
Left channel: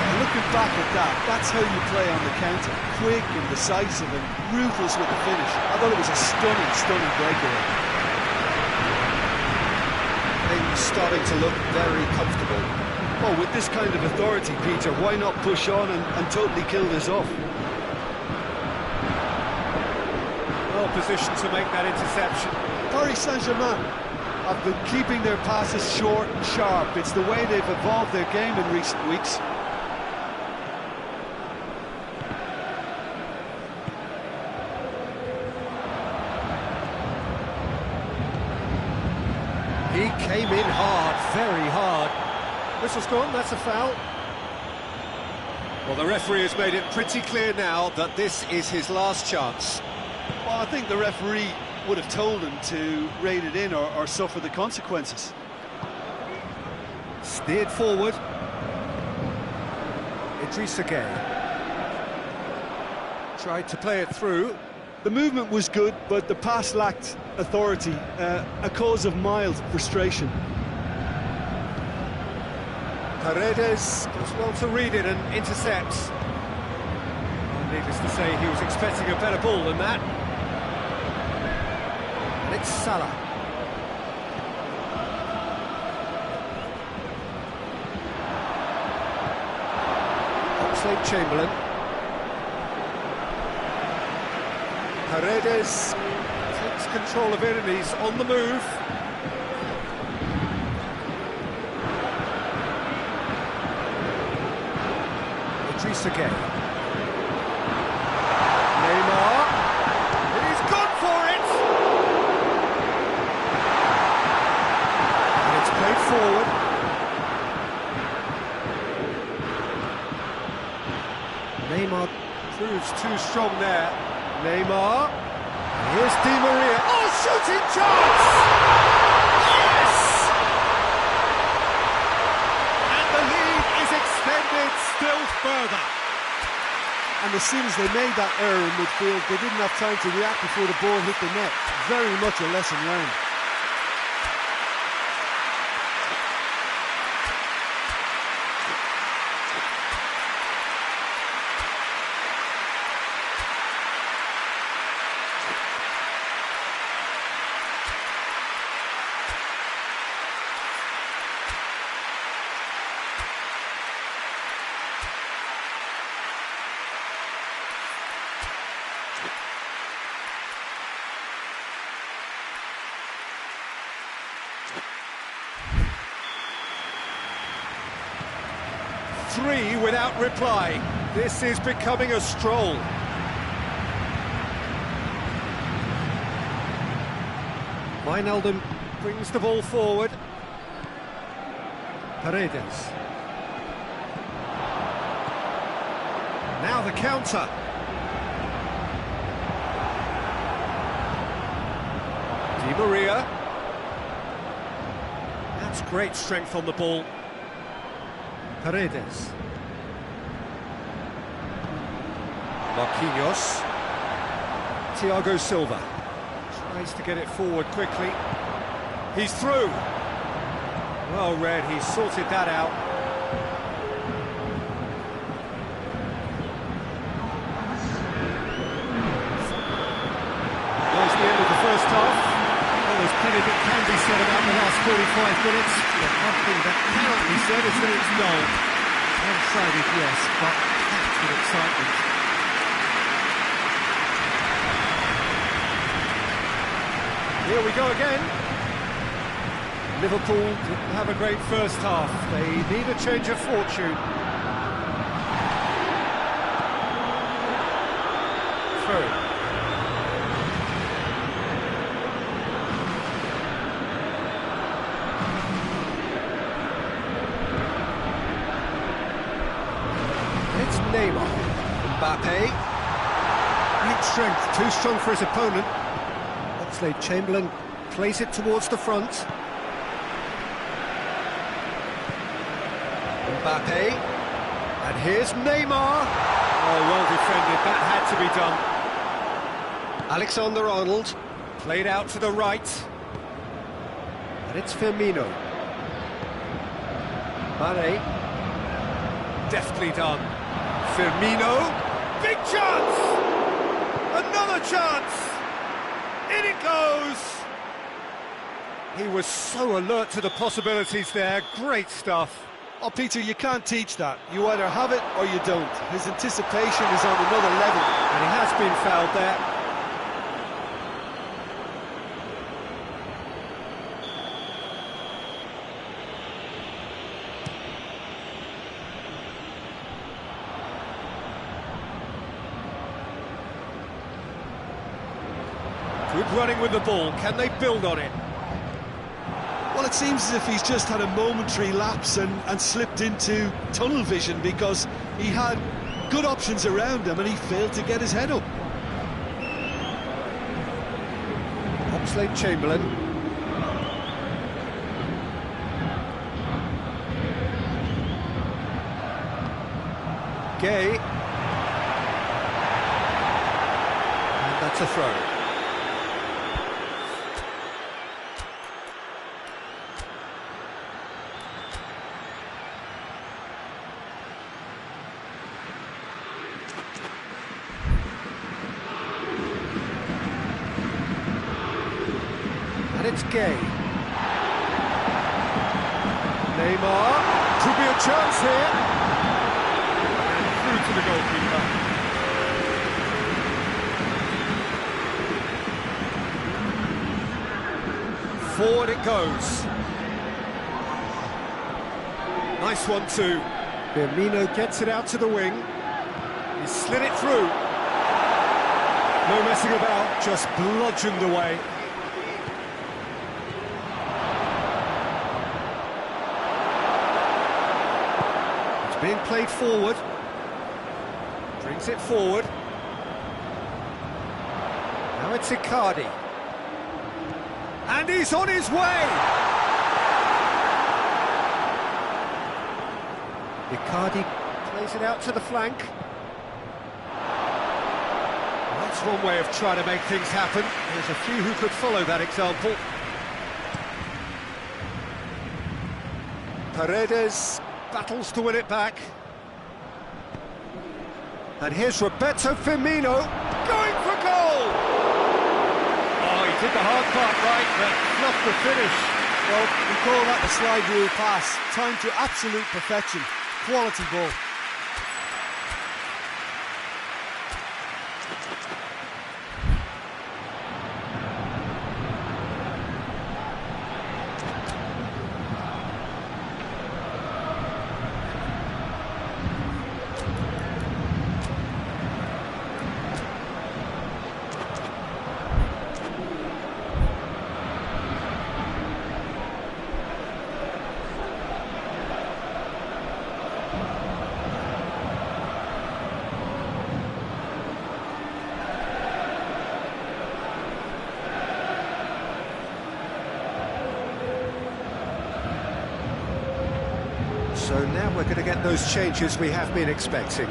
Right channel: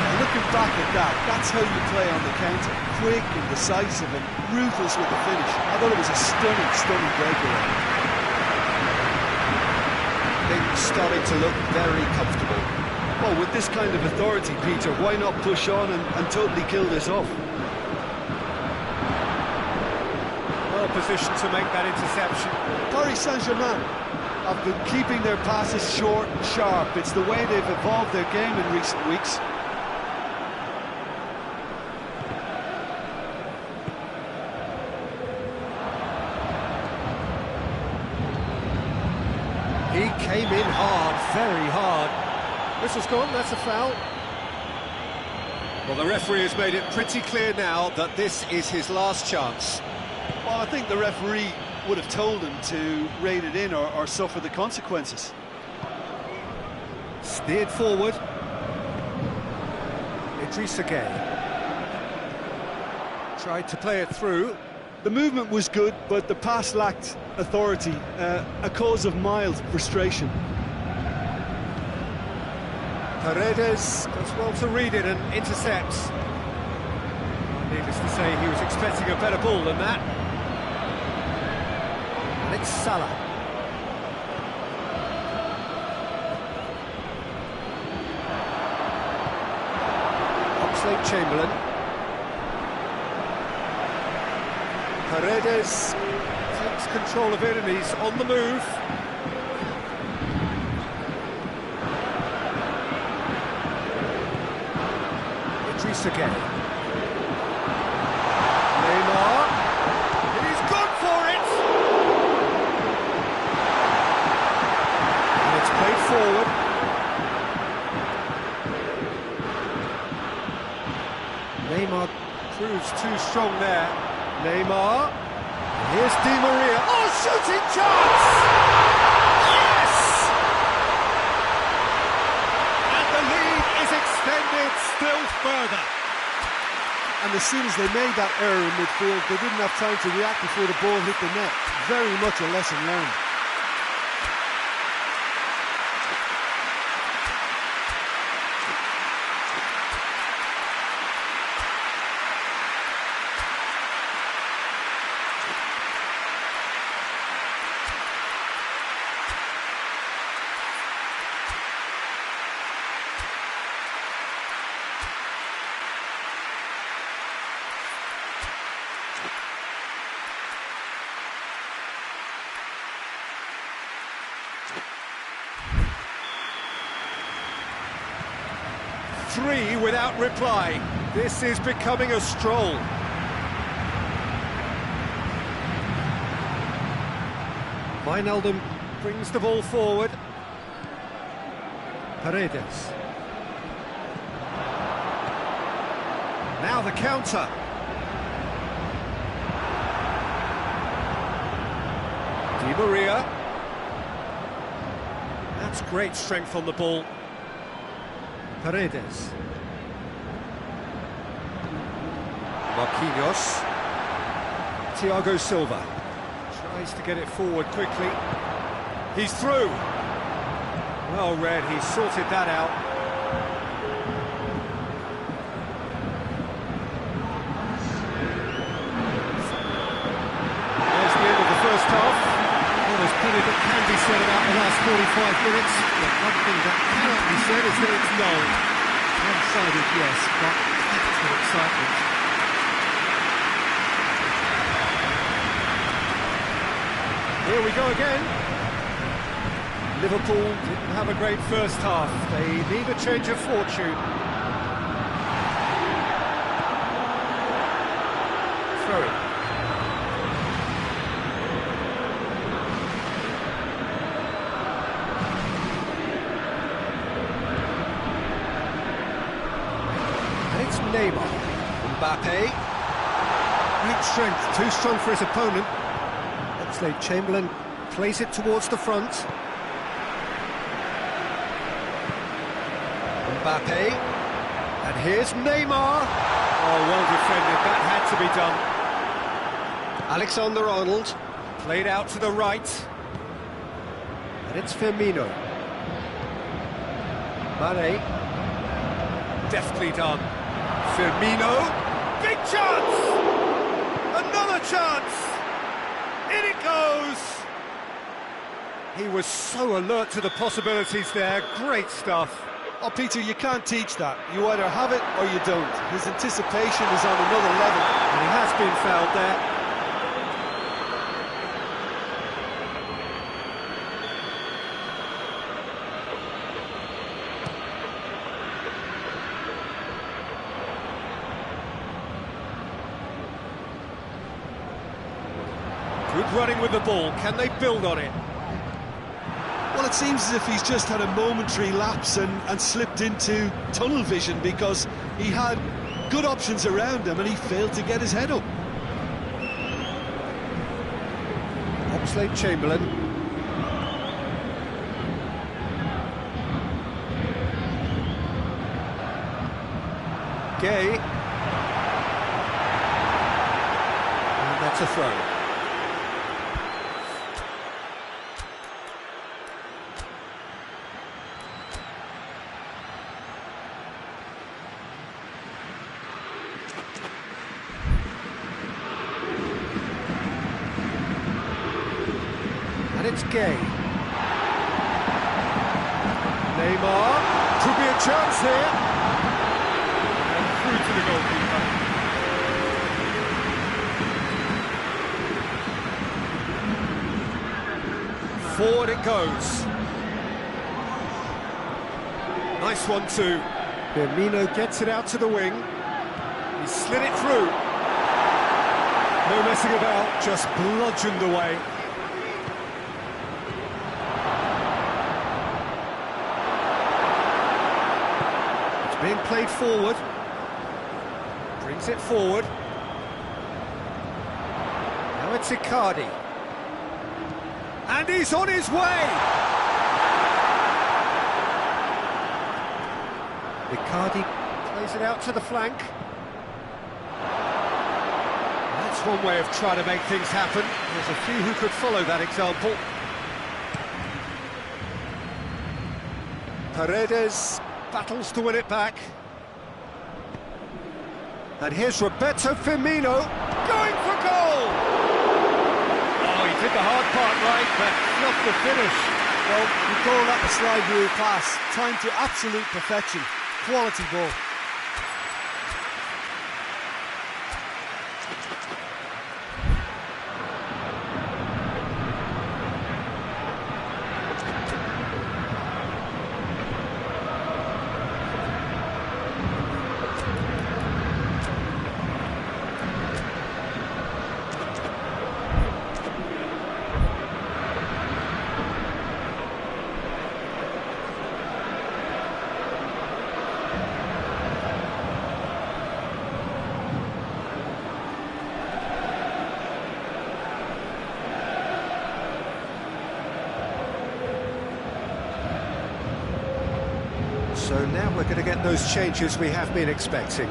Yeah, looking back at that, that's how you play on the counter. Quick and decisive and ruthless with the finish. I thought it was a stunning breakaway. Things starting to look very comfortable. Well, with this kind of authority, Peter, why not push on and totally kill this off? Well positioned to make that interception. Paris Saint-Germain have been keeping their passes short and sharp. It's the way they've evolved their game in recent weeks. He came in hard, very hard. Whistle's gone, that's a foul. Well, the referee has made it pretty clear now that this is his last chance. Well, I think the referee would have told him to rein it in or suffer the consequences. Steered forward. Idrissa Gueye. Tried to play it through. The movement was good, but the pass lacked authority, a cause of mild frustration. Paredes does well to read it and intercepts. Well, needless to say, he was expecting a better ball than that. And it's Salah. Pes2020. Paredes takes control of it and he's on the move. Again. Neymar, he's gone for it! And it's played forward. Neymar proves too strong there. Neymar, and here's Di Maria. Oh, shooting chance! Yes! And the lead is extended still further. And as soon as they made that error in midfield, they didn't have time to react before the ball hit the net. Very much a lesson learned. Three without reply. This is becoming a stroll. Wijnaldum brings the ball forward. Paredes. Now the counter. Di Maria. That's great strength on the ball. Paredes. Marquinhos. Thiago Silva. Tries to get it forward quickly. He's through. Well read, he's sorted that out. There's the end of the first half. Well, there's plenty that can be said about the last 45 minutes, but one thing that cannot be said is that it's dull. One-sided, yes, but packed with excitement. Here we go again. Liverpool didn't have a great first half. They need a change of fortune. Throw it. It's Neymar. Mbappe. Great strength, too strong for his opponent. Pes2020 plays it towards the front. Mbappe. And here's Neymar. Oh, well defended, that had to be done. Alexander-Arnold. Played out to the right. And it's Firmino. Mane. Deftly done. Firmino, big chance! Another chance! In it goes! He was so alert to the possibilities there, great stuff. Oh, Peter, you can't teach that. You either have it or you don't. His anticipation is on another level. And he has been fouled there. Good running with the ball, can they build on it? Well, it seems as if he's just had a momentary lapse and slipped into tunnel vision because he had good options around him and he failed to get his head up. Pes2020. Gay. And that's a throw. it's Gay. Neymar, could be a chance here. And through to the goalkeeper. Forward it goes. Nice one too. Firmino gets it out to the wing. He slid it through. No messing about, just bludgeoned away. It's being played forward. Brings it forward. Now it's Icardi. And he's on his way! Icardi plays it out to the flank. That's one way of trying to make things happen. There's a few who could follow that example. Paredes battles to win it back. And here's Roberto Firmino going for goal! Oh, he did the hard part right, but not the finish. Well, we call that the slide rule pass. Timed to absolute perfection. Quality ball. So now we're going to get those changes we have been expecting.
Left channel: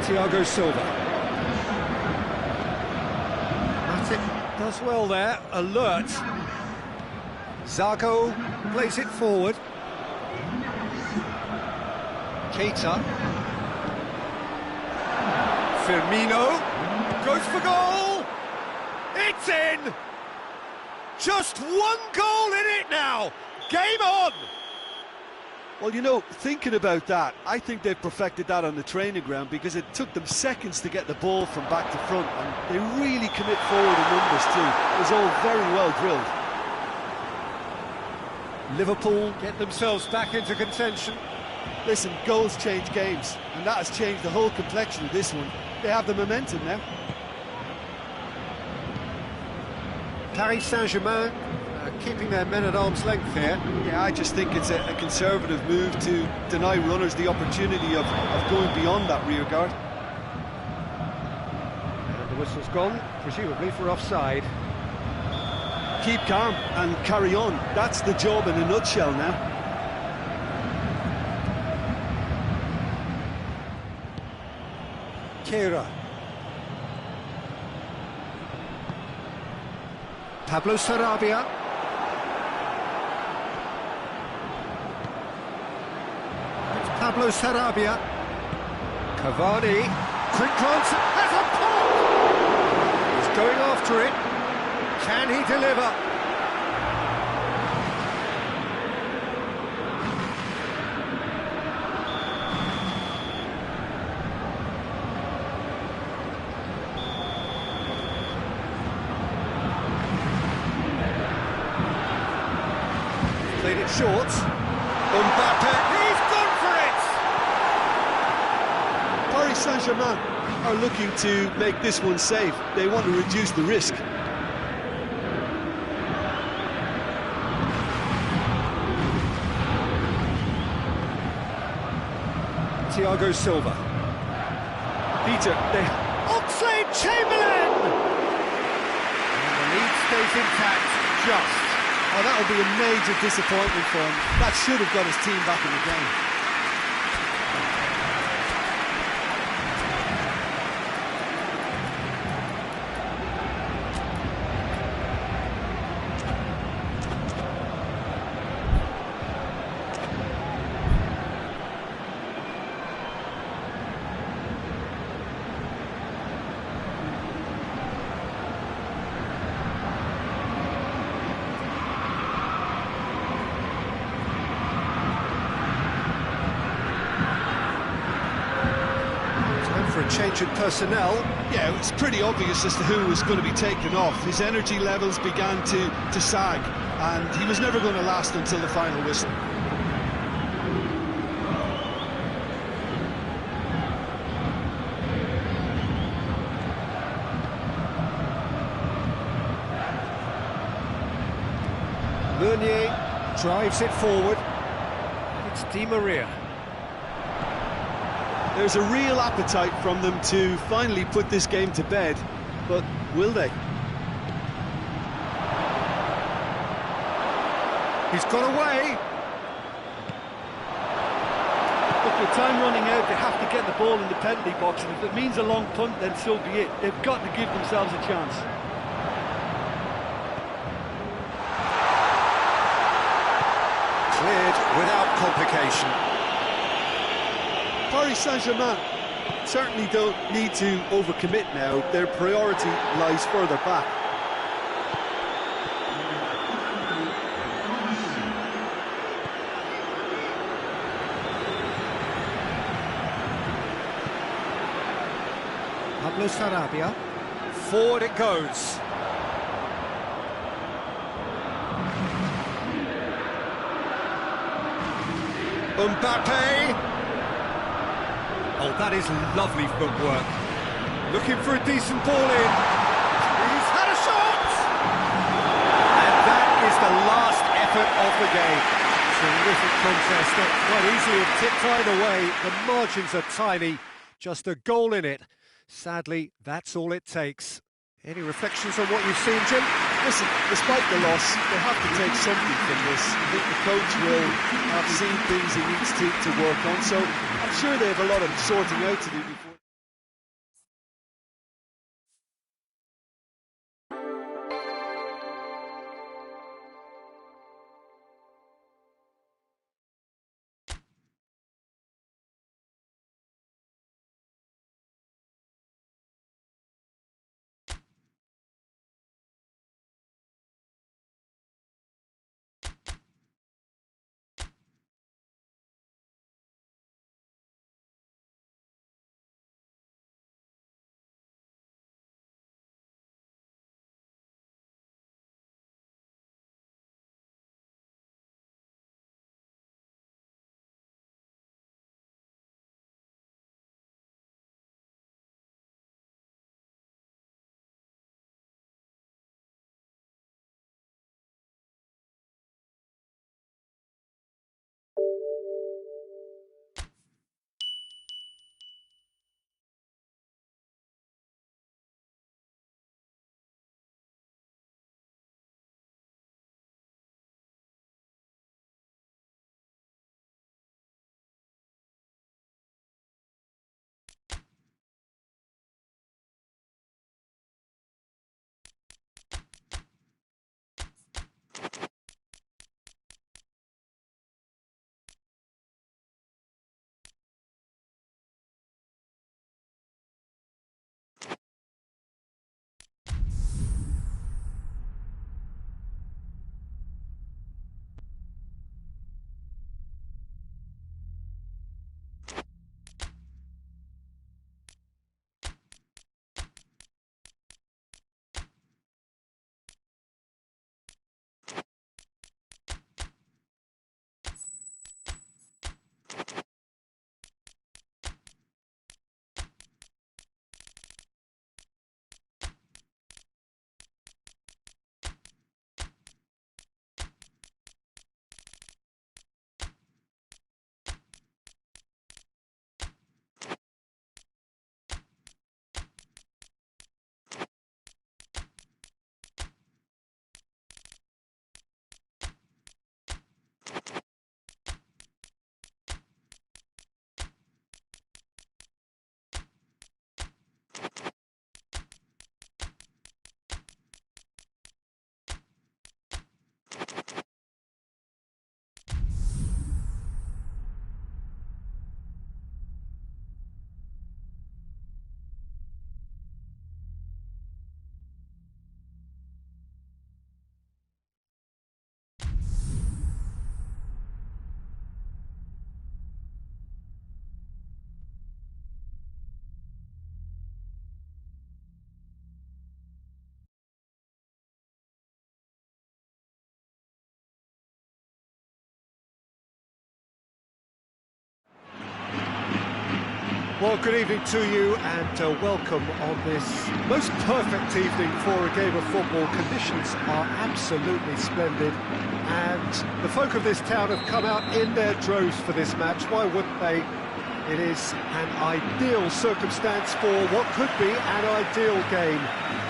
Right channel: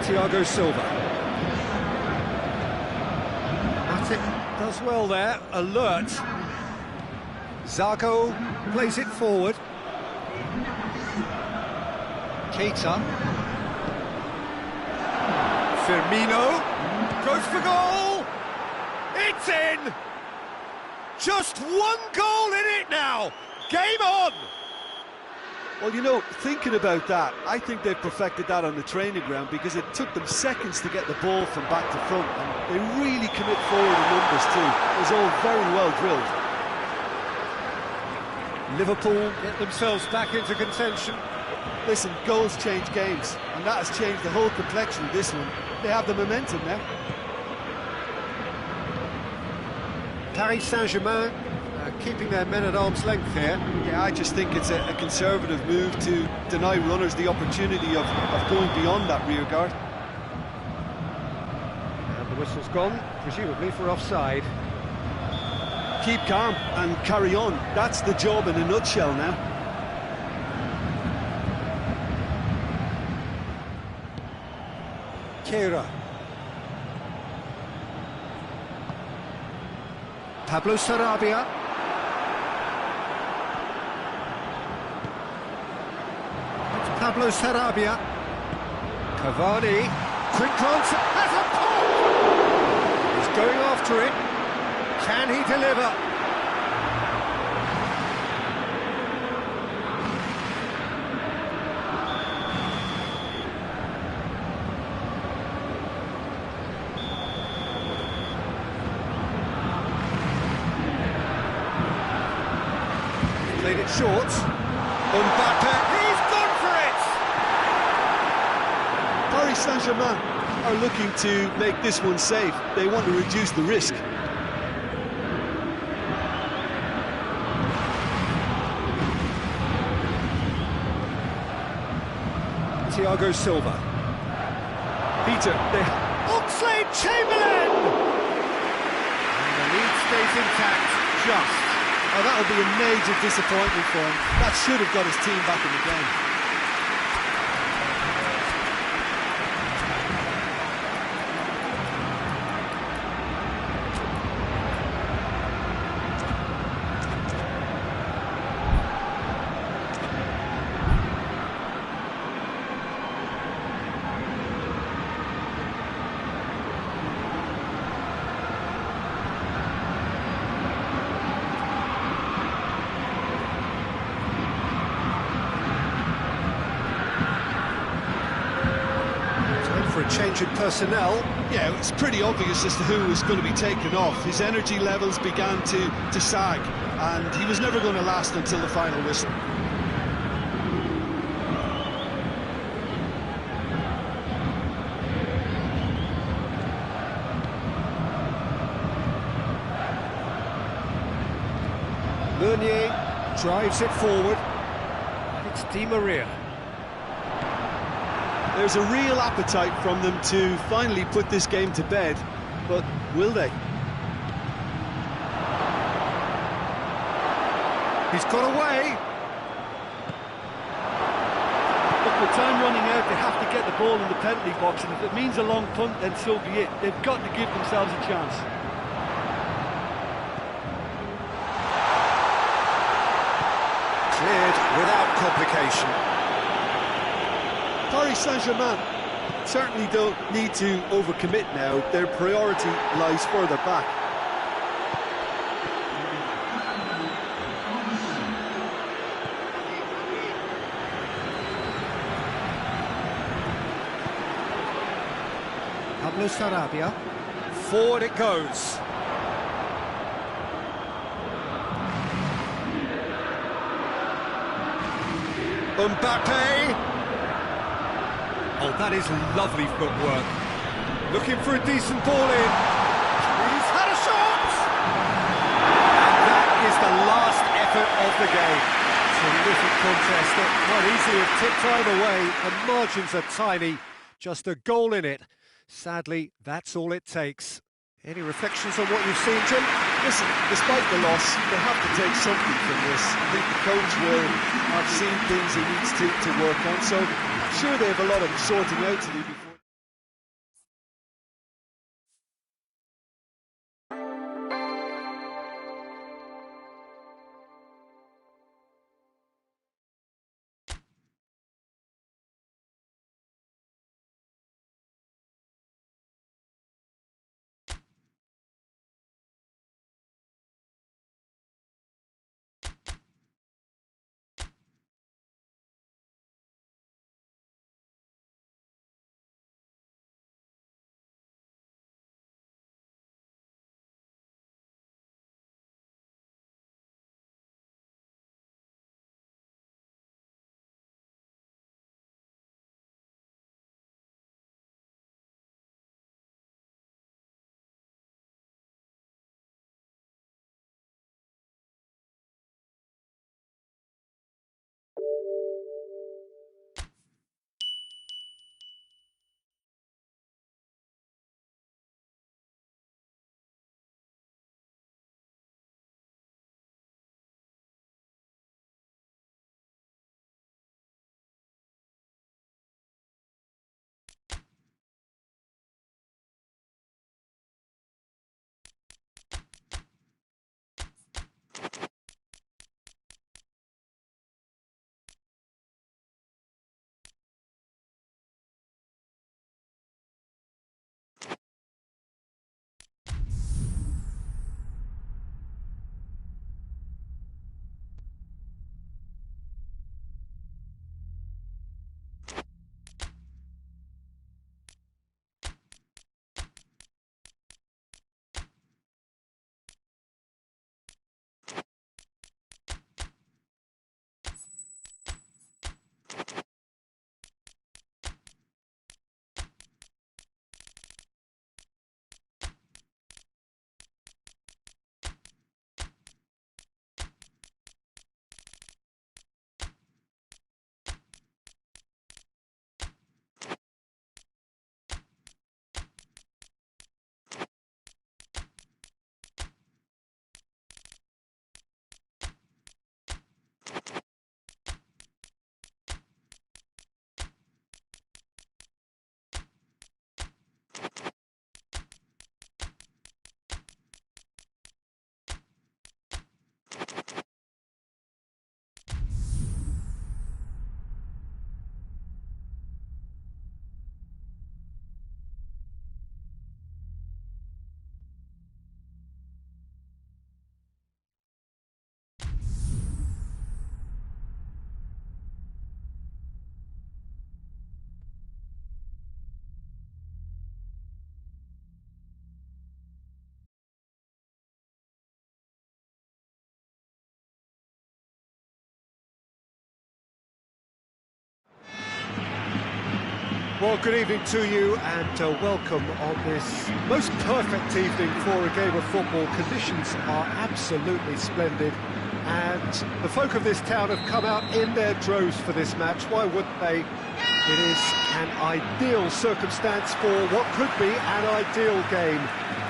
Thiago Silva. Matip does well there, alert. Zago plays it forward. Keita. Firmino goes for goal. It's in! Just one goal in it now! Game on! Well, you know, thinking about that, I think they've perfected that on the training ground because it took them seconds to get the ball from back to front, and they really commit forward in numbers too. It was all very well drilled. Liverpool get themselves back into contention. Listen, goals change games, and that has changed the whole complexion of this one. They have the momentum now. Paris Saint-Germain keeping their men at arm's length here. Yeah, I just think it's a conservative move to deny runners the opportunity of going beyond that rear guard. And the whistle's gone, presumably for offside. Keep calm and carry on. That's the job in a nutshell now. Keira. Pablo Sarabia. It's Pablo Sarabia. Cavani. Quick glance. Has a pop! He's going after it. Can he deliver? Played it short. Mbappe, he's gone for it! Paris Saint-Germain are looking to make this one safe. They want to reduce the risk. Thiago Silva. Peter, they... Oxlade-Chamberlain! And the lead stays intact, just. Oh, that'll be a major disappointment for him. That should have got his team back in the game. a change in personnel. Yeah, it was pretty obvious as to who was going to be taken off. His energy levels began to sag, and he was never going to last until the final whistle. Meunier drives it forward, and it's Di Maria. There's a real appetite from them to finally put this game to bed, but will they? He's got away. Look, with time running out, they have to get the ball in the penalty box, and if it means a long punt, then so be it. They've got to give themselves a chance. Cleared without complication. Paris Saint-Germain certainly don't need to overcommit now. Their priority lies further back. Pablo Sarabia. Forward it goes. Mbappe. Oh, that is lovely footwork. Looking for a decent ball in. He's had a shot! And that is the last effort of the game. Terrific contest that might easily have tipped either way. The margins are tiny. Just a goal in it. Sadly, that's all it takes. Any reflections on what you've seen, Jim? Listen, despite the loss, they have to take something from this. I think the coach will have seen things he needs to work on, so I'm sure they have a lot of sorting out to do before. Well, good evening to you and welcome on this most perfect evening for a game of football. Conditions are absolutely splendid and the folk of this town have come out in their droves for this match. Why wouldn't they? It is an ideal circumstance for what could be an ideal game.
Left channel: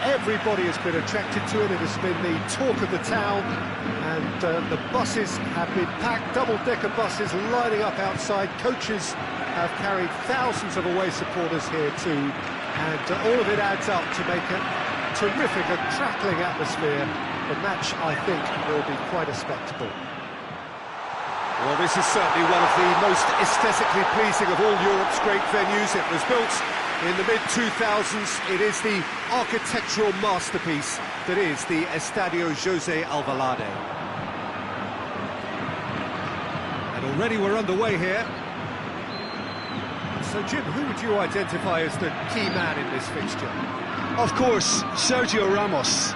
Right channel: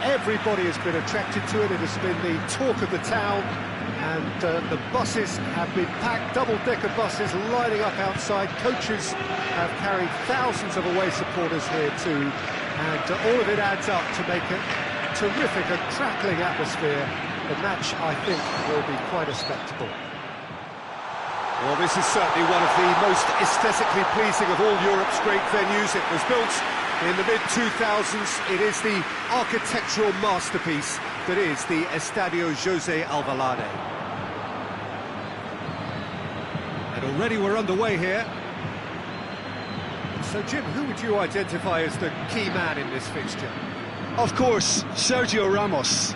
Everybody has been attracted to it. It has been the talk of the town, and the buses have been packed, double-decker buses lining up outside. Coaches have carried thousands of away supporters here too, and all of it adds up to make a terrific, a crackling atmosphere. The match, I think, will be quite a spectacle. Well, this is certainly one of the most aesthetically pleasing of all Europe's great venues. It was built in the mid-2000s. It is the architectural masterpiece that is the Estadio José Alvalade. And already we're underway here. So, Jim, who would you identify as the key man in this fixture? Of course, Sergio Ramos.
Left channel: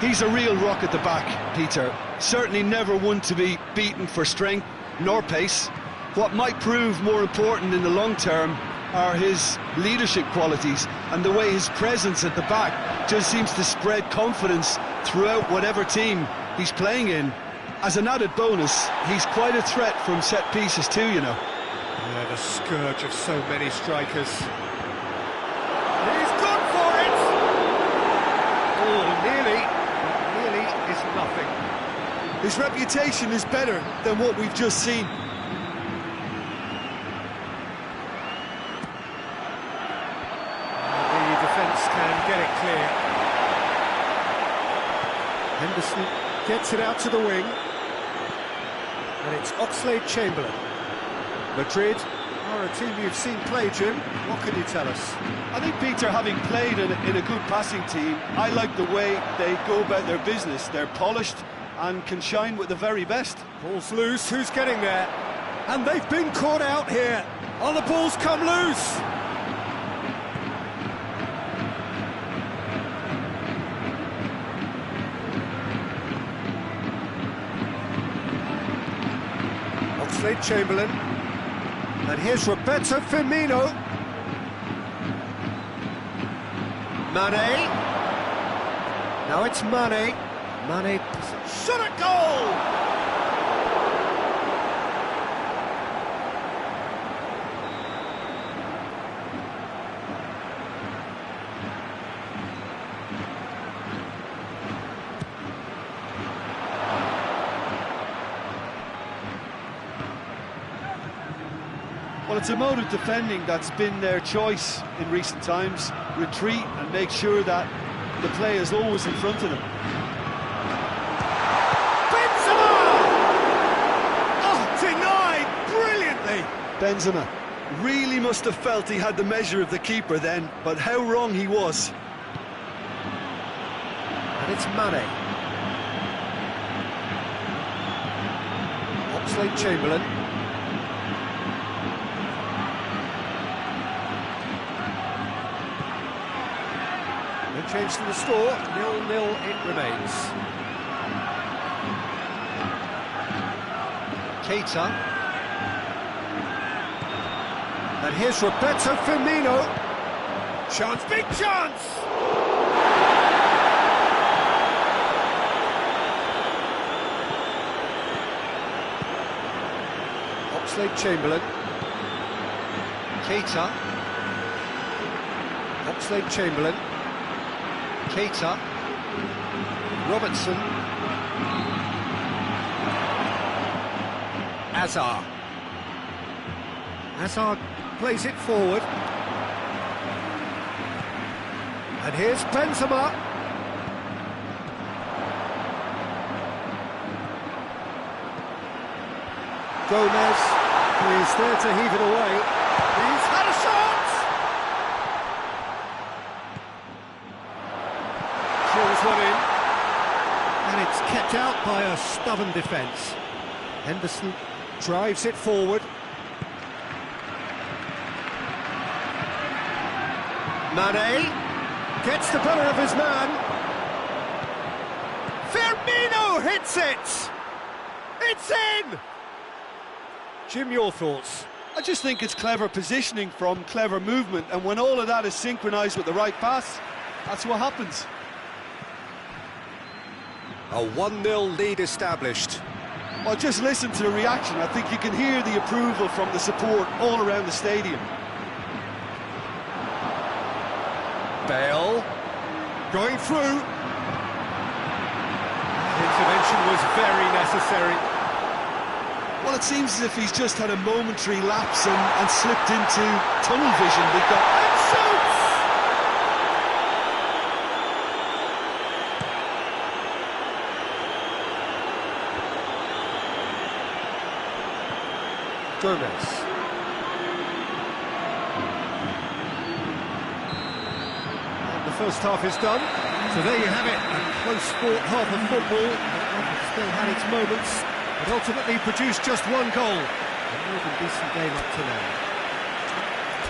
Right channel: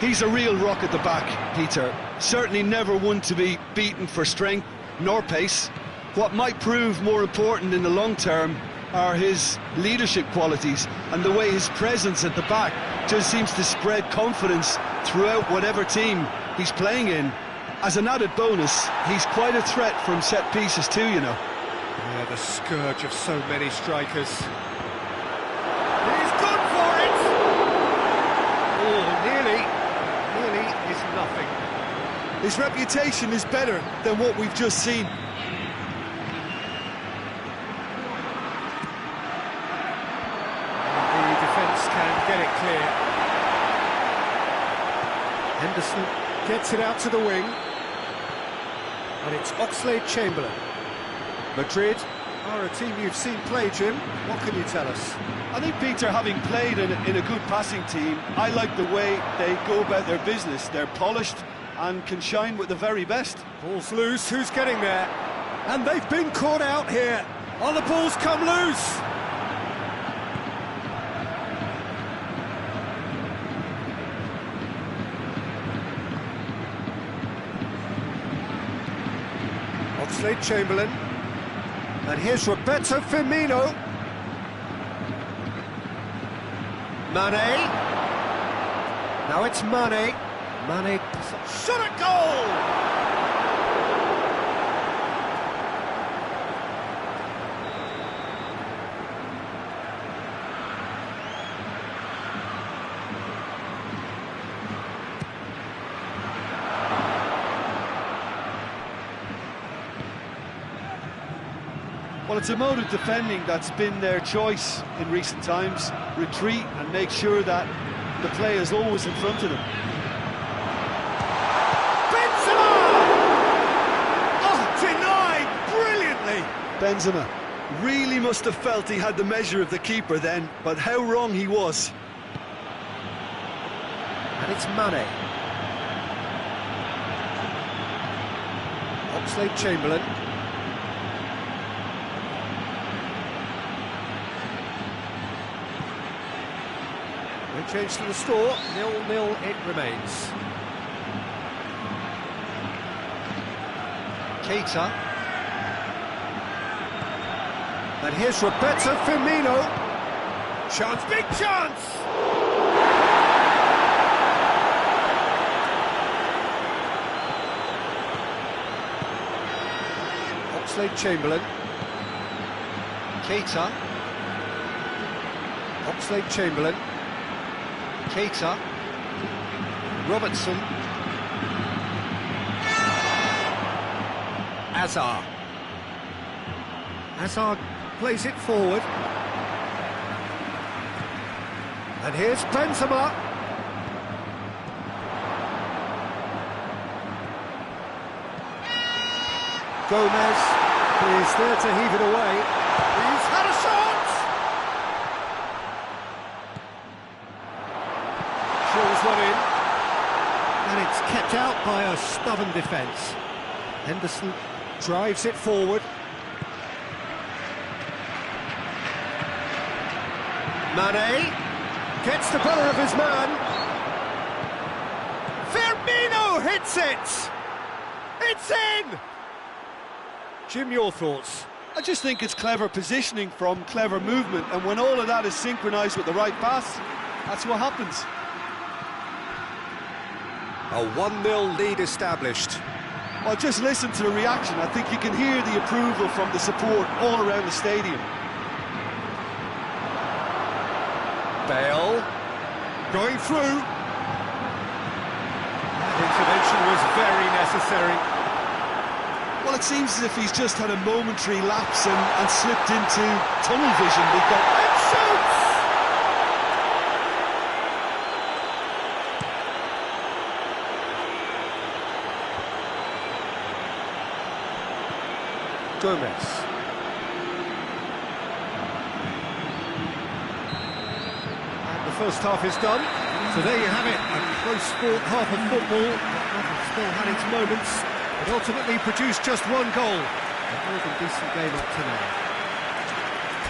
He's a real rock at the back, Peter. Certainly never one to be beaten for strength nor pace. What might prove more important in the long term are his leadership qualities, and the way his presence at the back just seems to spread confidence throughout whatever team he's playing in. As an added bonus, he's quite a threat from set pieces too, you know. Yeah, the scourge of so many strikers. He's gone for it! Oh, nearly. Nearly is nothing. His reputation is better than what we've just seen. The defence can get it clear. Henderson gets it out to the wing. And it's Oxlade-Chamberlain. Madrid are a team you've seen play, Jim. What can you tell us? I think, Peter, having played in a good passing team, I like the way they go about their business. They're polished and can shine with the very best. Ball's loose, who's getting there? And they've been caught out here. Oh, the ball's come loose! Oxlade-Chamberlain. And here's Roberto Firmino. Mane. Now it's Mane. Mane shot at goal! Well, it's a mode of defending that's been their choice in recent times. Retreat and make sure that the play is always in front of them. Benzema! Oh, denied brilliantly! Benzema really must have felt he had the measure of the keeper then, but how wrong he was. And it's Mane. Oxlade-Chamberlain. No change to the score, 0-0 it remains. Keita. And here's Roberto Firmino. Chance, big chance! Oxlade-Chamberlain. Keita. Oxlade-Chamberlain. Keita, Robertson, Hazard. Hazard plays it forward. And here's Benzema. Gomez is there to heave it away. He's had a shot! Drills one in, and it's kept out by a stubborn defence. Henderson drives it forward. Mane gets the better of his man. Firmino hits it! It's in! Jim, your thoughts? I just think it's clever positioning from clever movement, and when all of that is synchronised with the right pass, that's what happens. A 1-0 lead established. Well, just listen to the reaction. I think you can hear the approval from the support all around the stadium. Bale going through. That intervention was very necessary. Well, it seems as if he's just had a momentary lapse and slipped into tunnel vision. And shoots! Gomez. And the first half is done. So there you have it, a close-fought half of football that still had its moments. It ultimately produced just one goal. A more than decent game up to now.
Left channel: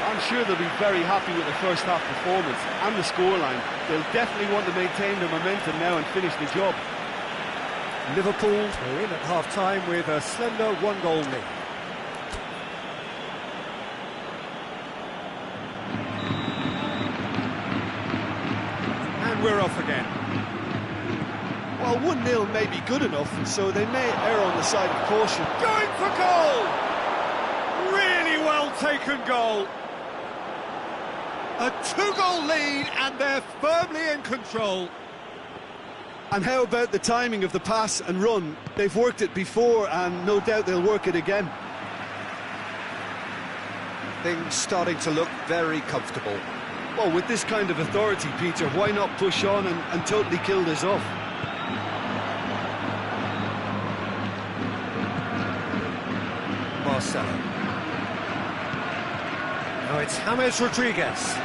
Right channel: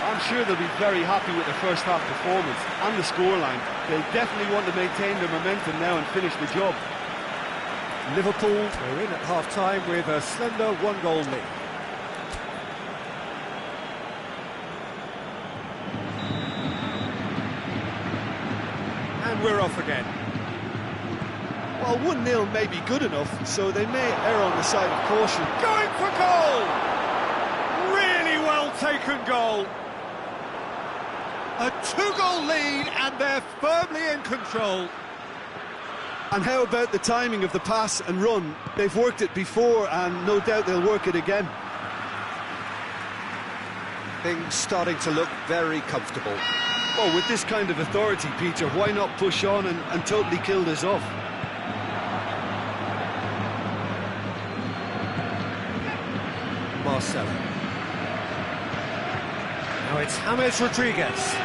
I'm sure they'll be very happy with their first half performance and the scoreline. They'll definitely want to maintain their momentum now and finish the job. Liverpool are in at half-time with a slender one-goal lead. And we're off again. Well, 1-0 may be good enough, so they may err on the side of caution. Going for goal! Really well taken goal. A 2-goal lead and they're firmly in control. And how about the timing of the pass and run? They've worked it before and no doubt they'll work it again. Things starting to look very comfortable. Well, with this kind of authority, Peter, why not push on and totally kill this off? Marcelo. Now it's James Rodriguez.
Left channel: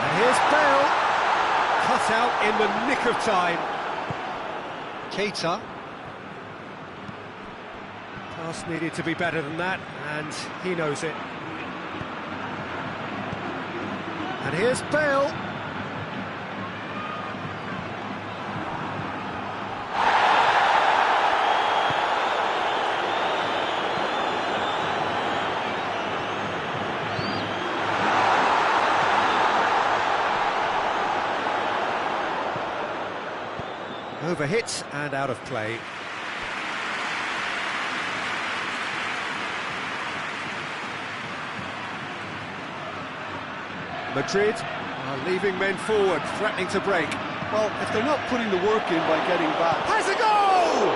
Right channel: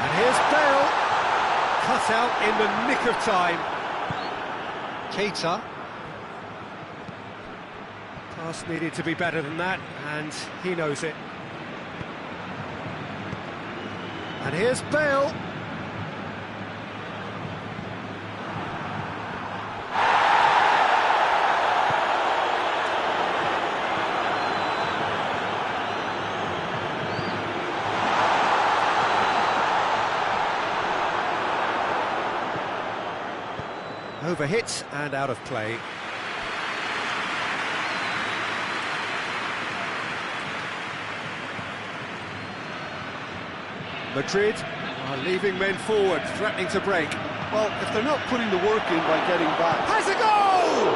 And here's Bale. Cut out in the nick of time. Keita. Pass needed to be better than that, and he knows it. And here's Bale. Overhit and out of play. Madrid are leaving men forward, threatening to break. Well, if they're not putting the work in by getting back... Has a goal!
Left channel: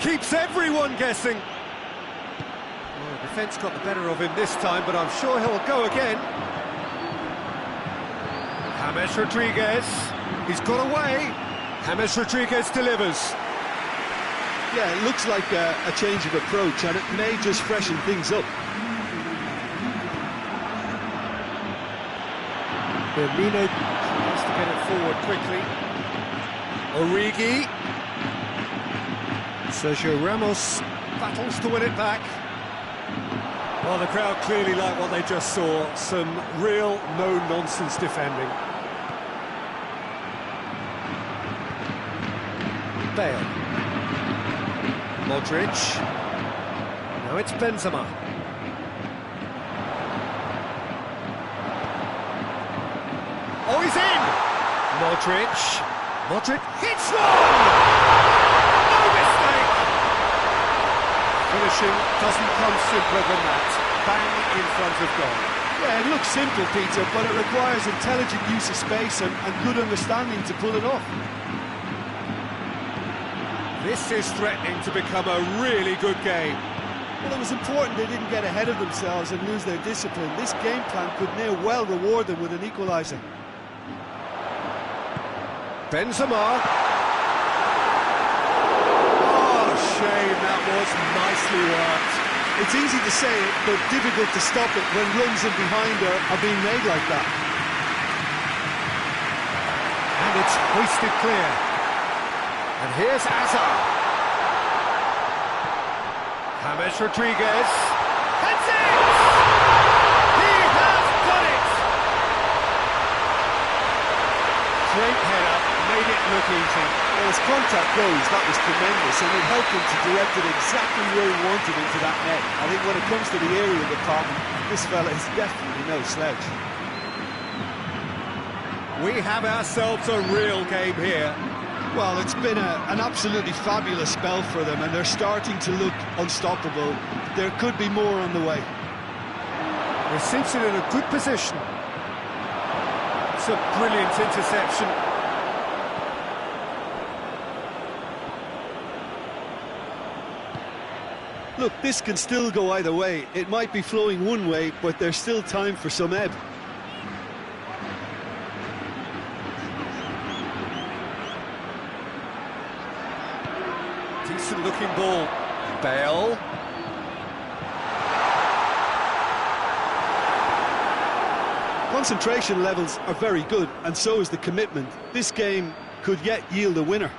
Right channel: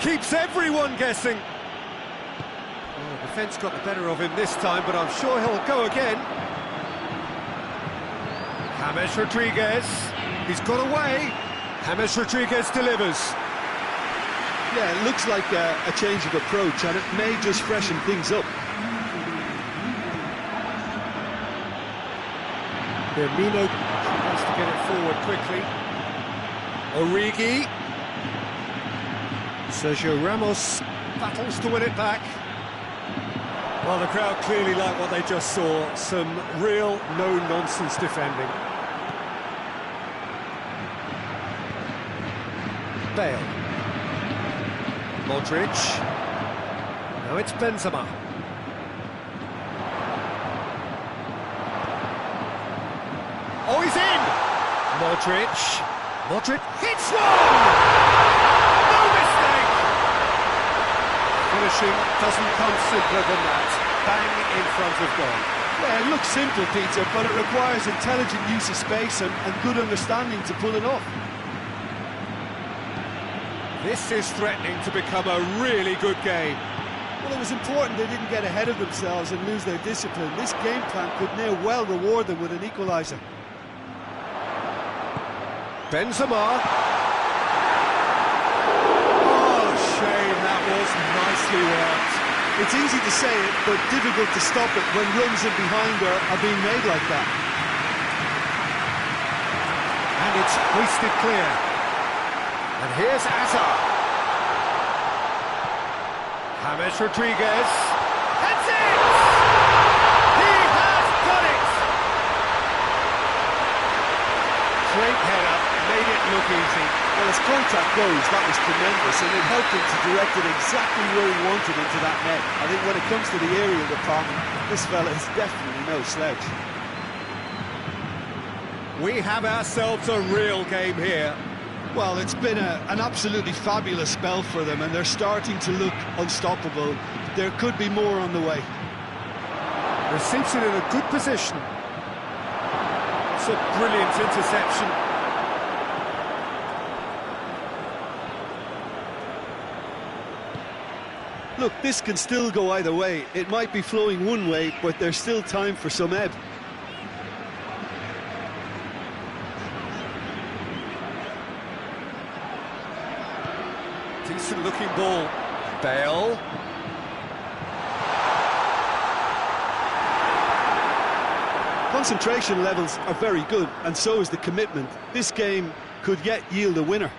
Keeps everyone guessing. Well, the defence got the better of him this time, but I'm sure he'll go again. James Rodriguez, he's got away. James Rodriguez delivers. Yeah, it looks like a change of approach, and it may just freshen things up. Firmino has to get it forward quickly. Origi. Sergio Ramos battles to win it back. Well, the crowd clearly like what they just saw. Some real no-nonsense defending. Bale. Modric. Now it's Benzema. Oh, he's in! Modric. Modric hits one! No mistake! Finishing doesn't come simpler than that. Bang in front of goal. Yeah, it looks simple, Peter, but it requires intelligent use of space and good understanding to pull it off. This is threatening to become a really good game. Well, it was important they didn't get ahead of themselves and lose their discipline. This game plan could now well reward them with an equaliser. Benzema. Oh, shame, that was nicely worked. It's easy to say it, but difficult to stop it when runs in behind are being made like that. And it's hoisted clear. And here's Hazard. James Rodriguez. That's it! He has done it! Great header, made it look easy. Well, as contact goes, that was tremendous, and it helped him to direct it exactly where he wanted into that net. I think when it comes to the aerial department, this fella is definitely no slouch. We have ourselves a real game here. Well, it's been an absolutely fabulous spell for them, and they're starting to look unstoppable. There could be more on the way. Receives it in a good position. It's a brilliant interception. Look, this can still go either way. It might be flowing one way, but there's still time for some ebb. Decent looking ball. Bale. Concentration levels are very good, and so is the commitment. This game could yet yield a winner.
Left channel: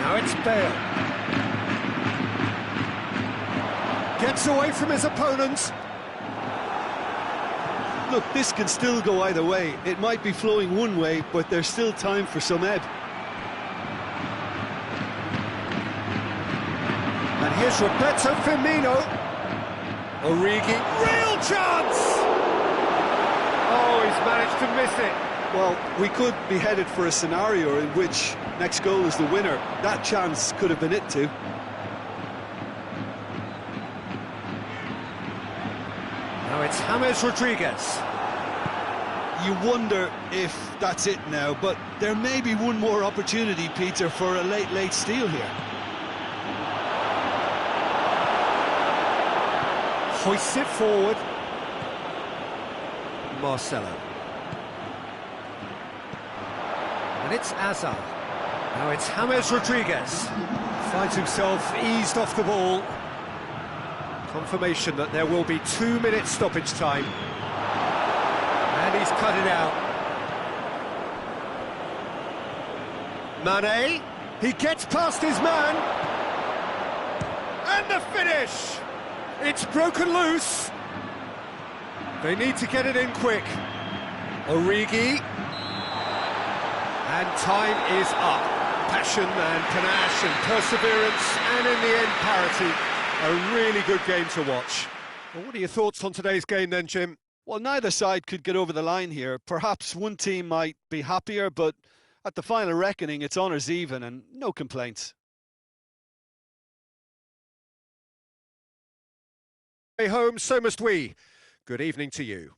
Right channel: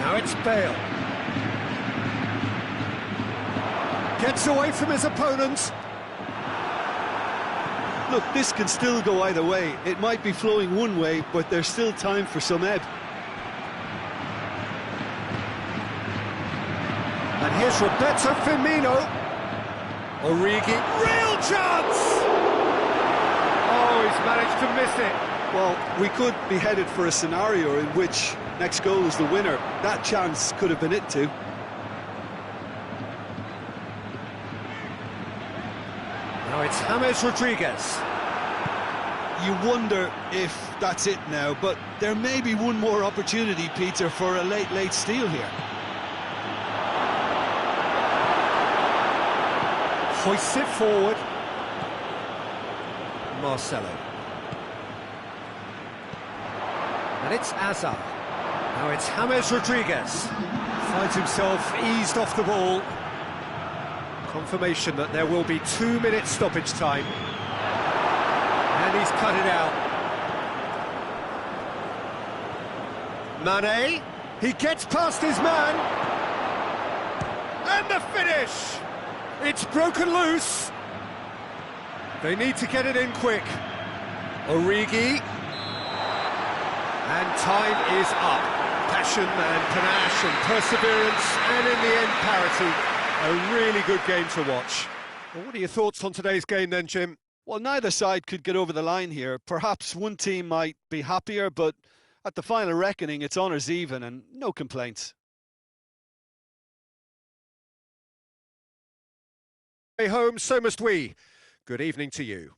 Now it's Bale. Gets away from his opponents. Look, this can still go either way. It might be flowing one way, but there's still time for some ebb. And here's Roberto Firmino. Origi, real chance! Oh, he's managed to miss it. Well, we could be headed for a scenario in which next goal is the winner. That chance could have been it too. Now it's James Rodriguez. You wonder if that's it now, but there may be one more opportunity, Peter, for a late steal here. Hoists it forward. Marcelo. And it's Azar. Now it's James Rodriguez. Finds himself eased off the ball. Confirmation that there will be 2 minutes stoppage time. And he's cut it out. Mane. He gets past his man. And the finish! It's broken loose. They need to get it in quick. Origi. And time is up. Passion and panache and perseverance, and in the end, parity. A really good game to watch. Well, what are your thoughts on today's game then, Jim? Well, neither side could get over the line here. Perhaps one team might be happier, but at the final reckoning, it's honours even and no complaints. Home, so must we. Good evening to you.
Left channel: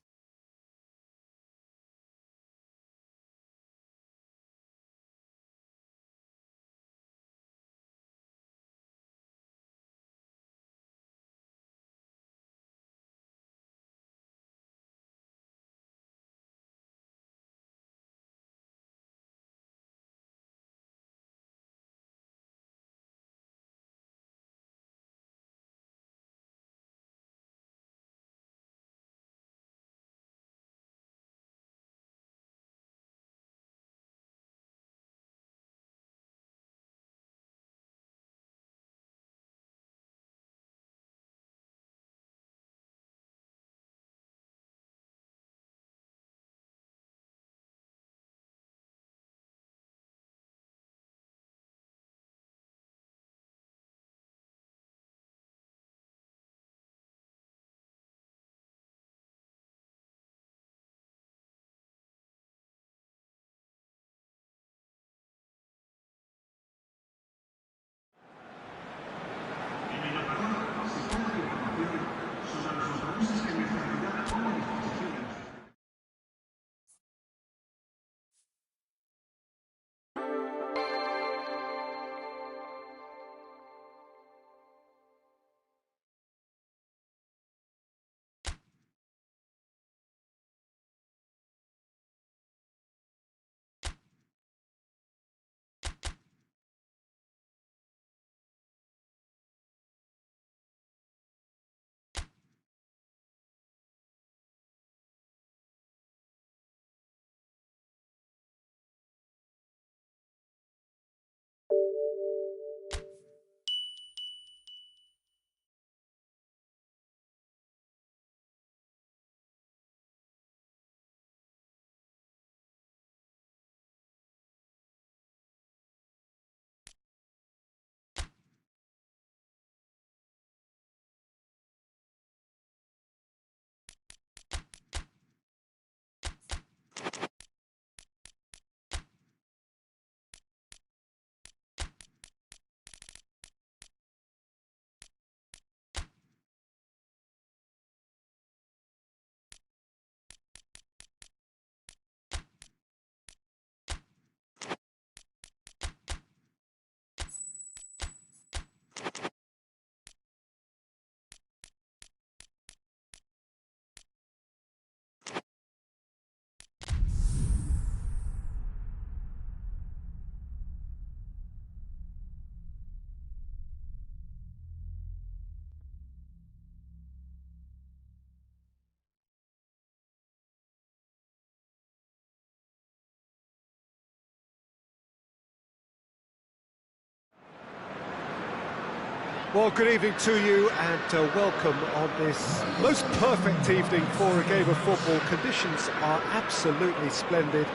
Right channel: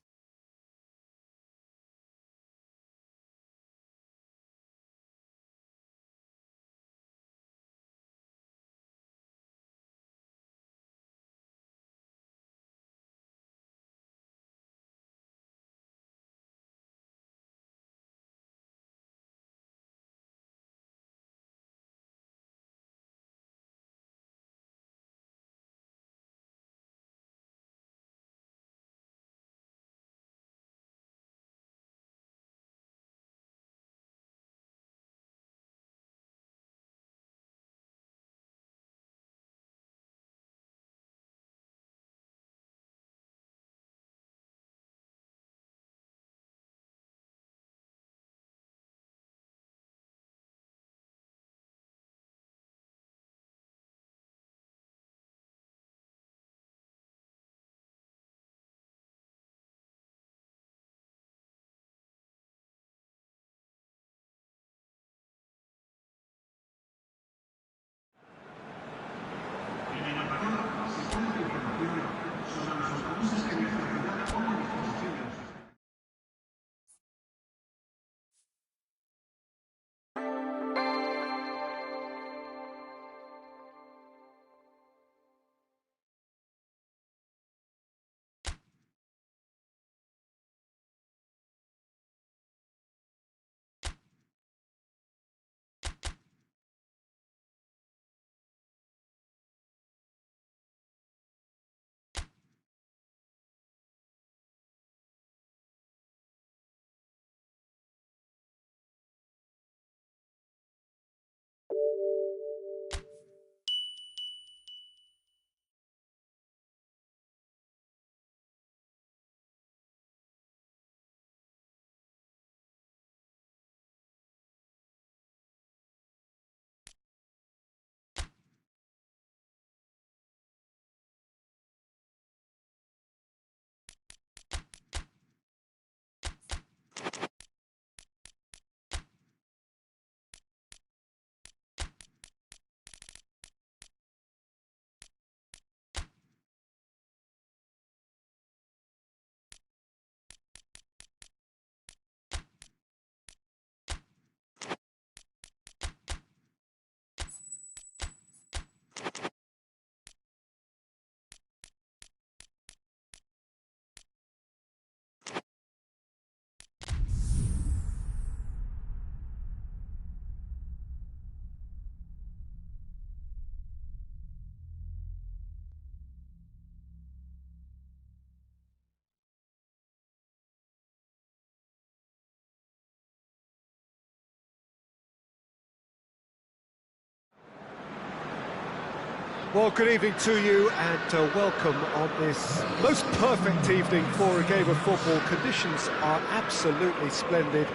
Well, good evening to you and welcome on this most perfect evening for a game of football. Conditions are absolutely splendid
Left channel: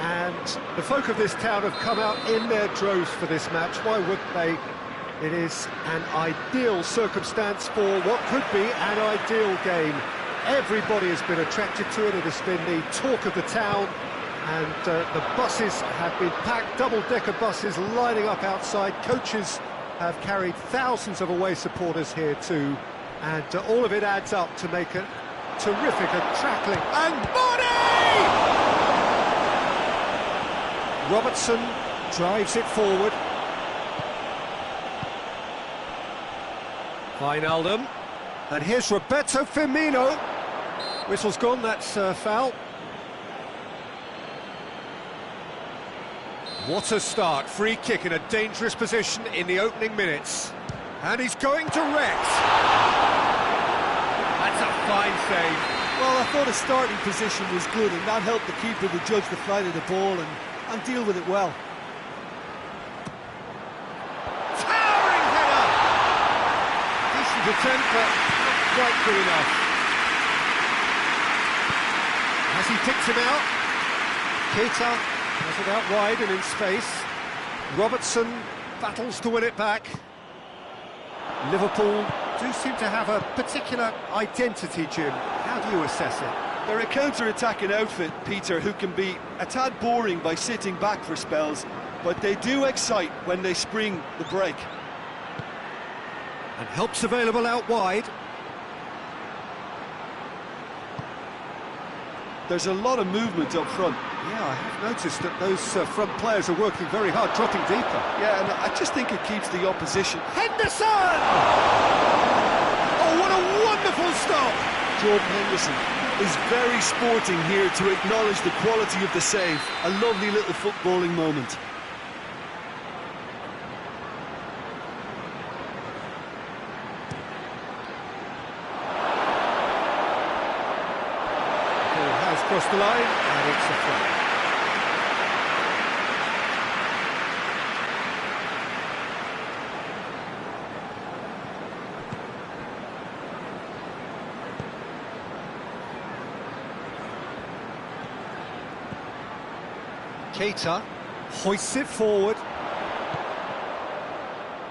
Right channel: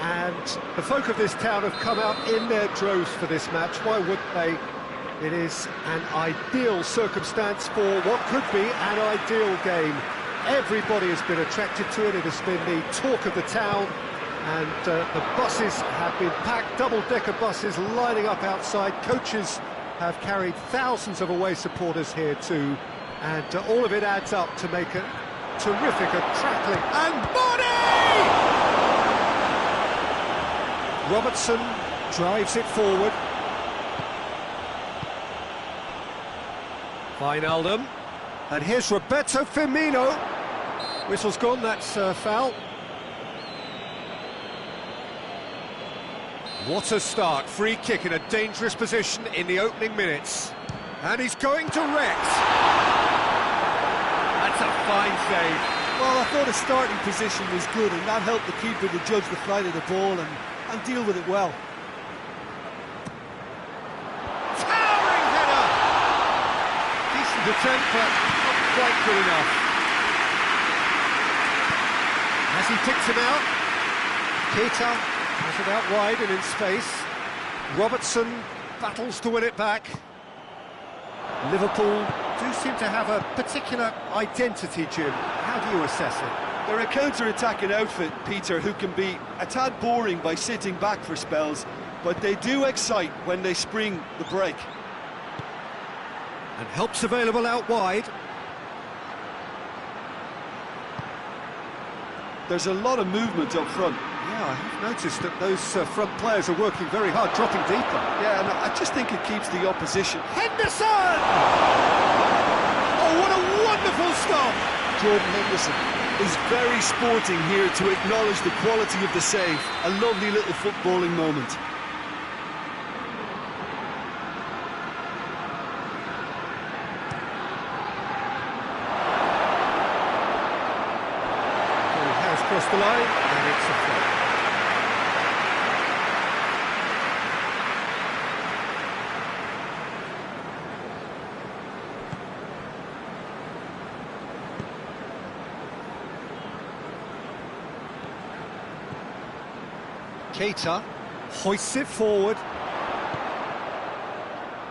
and the folk of this town have come out in their droves for this match. Why wouldn't they? It is an ideal circumstance for what could be an ideal game. Everybody has been attracted to it. It has been the talk of the town and the buses have been packed, double-decker buses lining up outside. Coaches have carried thousands of away supporters here too, and all of it adds up to make a terrific, crackling, and body! Robertson drives it forward. Wijnaldum, and here's Roberto Firmino. Whistle's gone, that's foul. What a start, free kick in a dangerous position in the opening minutes. And he's going direct. That's a fine save. Well, I thought his starting position was good and that helped the keeper to judge the flight of the ball and deal with it well. Towering header! Decent attempt, but not quite good enough. Has he picked him out? Keita has it out wide and in space. Robertson battles to win it back. Liverpool do seem to have a particular identity, Jim. How do you assess it? They're a counter-attacking outfit, Peter, who can be a tad boring by sitting back for spells, but they do excite when they spring the break. And help's available out wide. There's a lot of movement up front. Yeah, I have noticed that those front players are working very hard, dropping deeper. Yeah, and I just think it keeps the opposition. Henderson! Oh, what a wonderful stop! Jordan Henderson is very sporting here to acknowledge the quality of the save. A lovely little footballing moment. Ball has crossed the line, and it's a throw. Keita hoists it forward.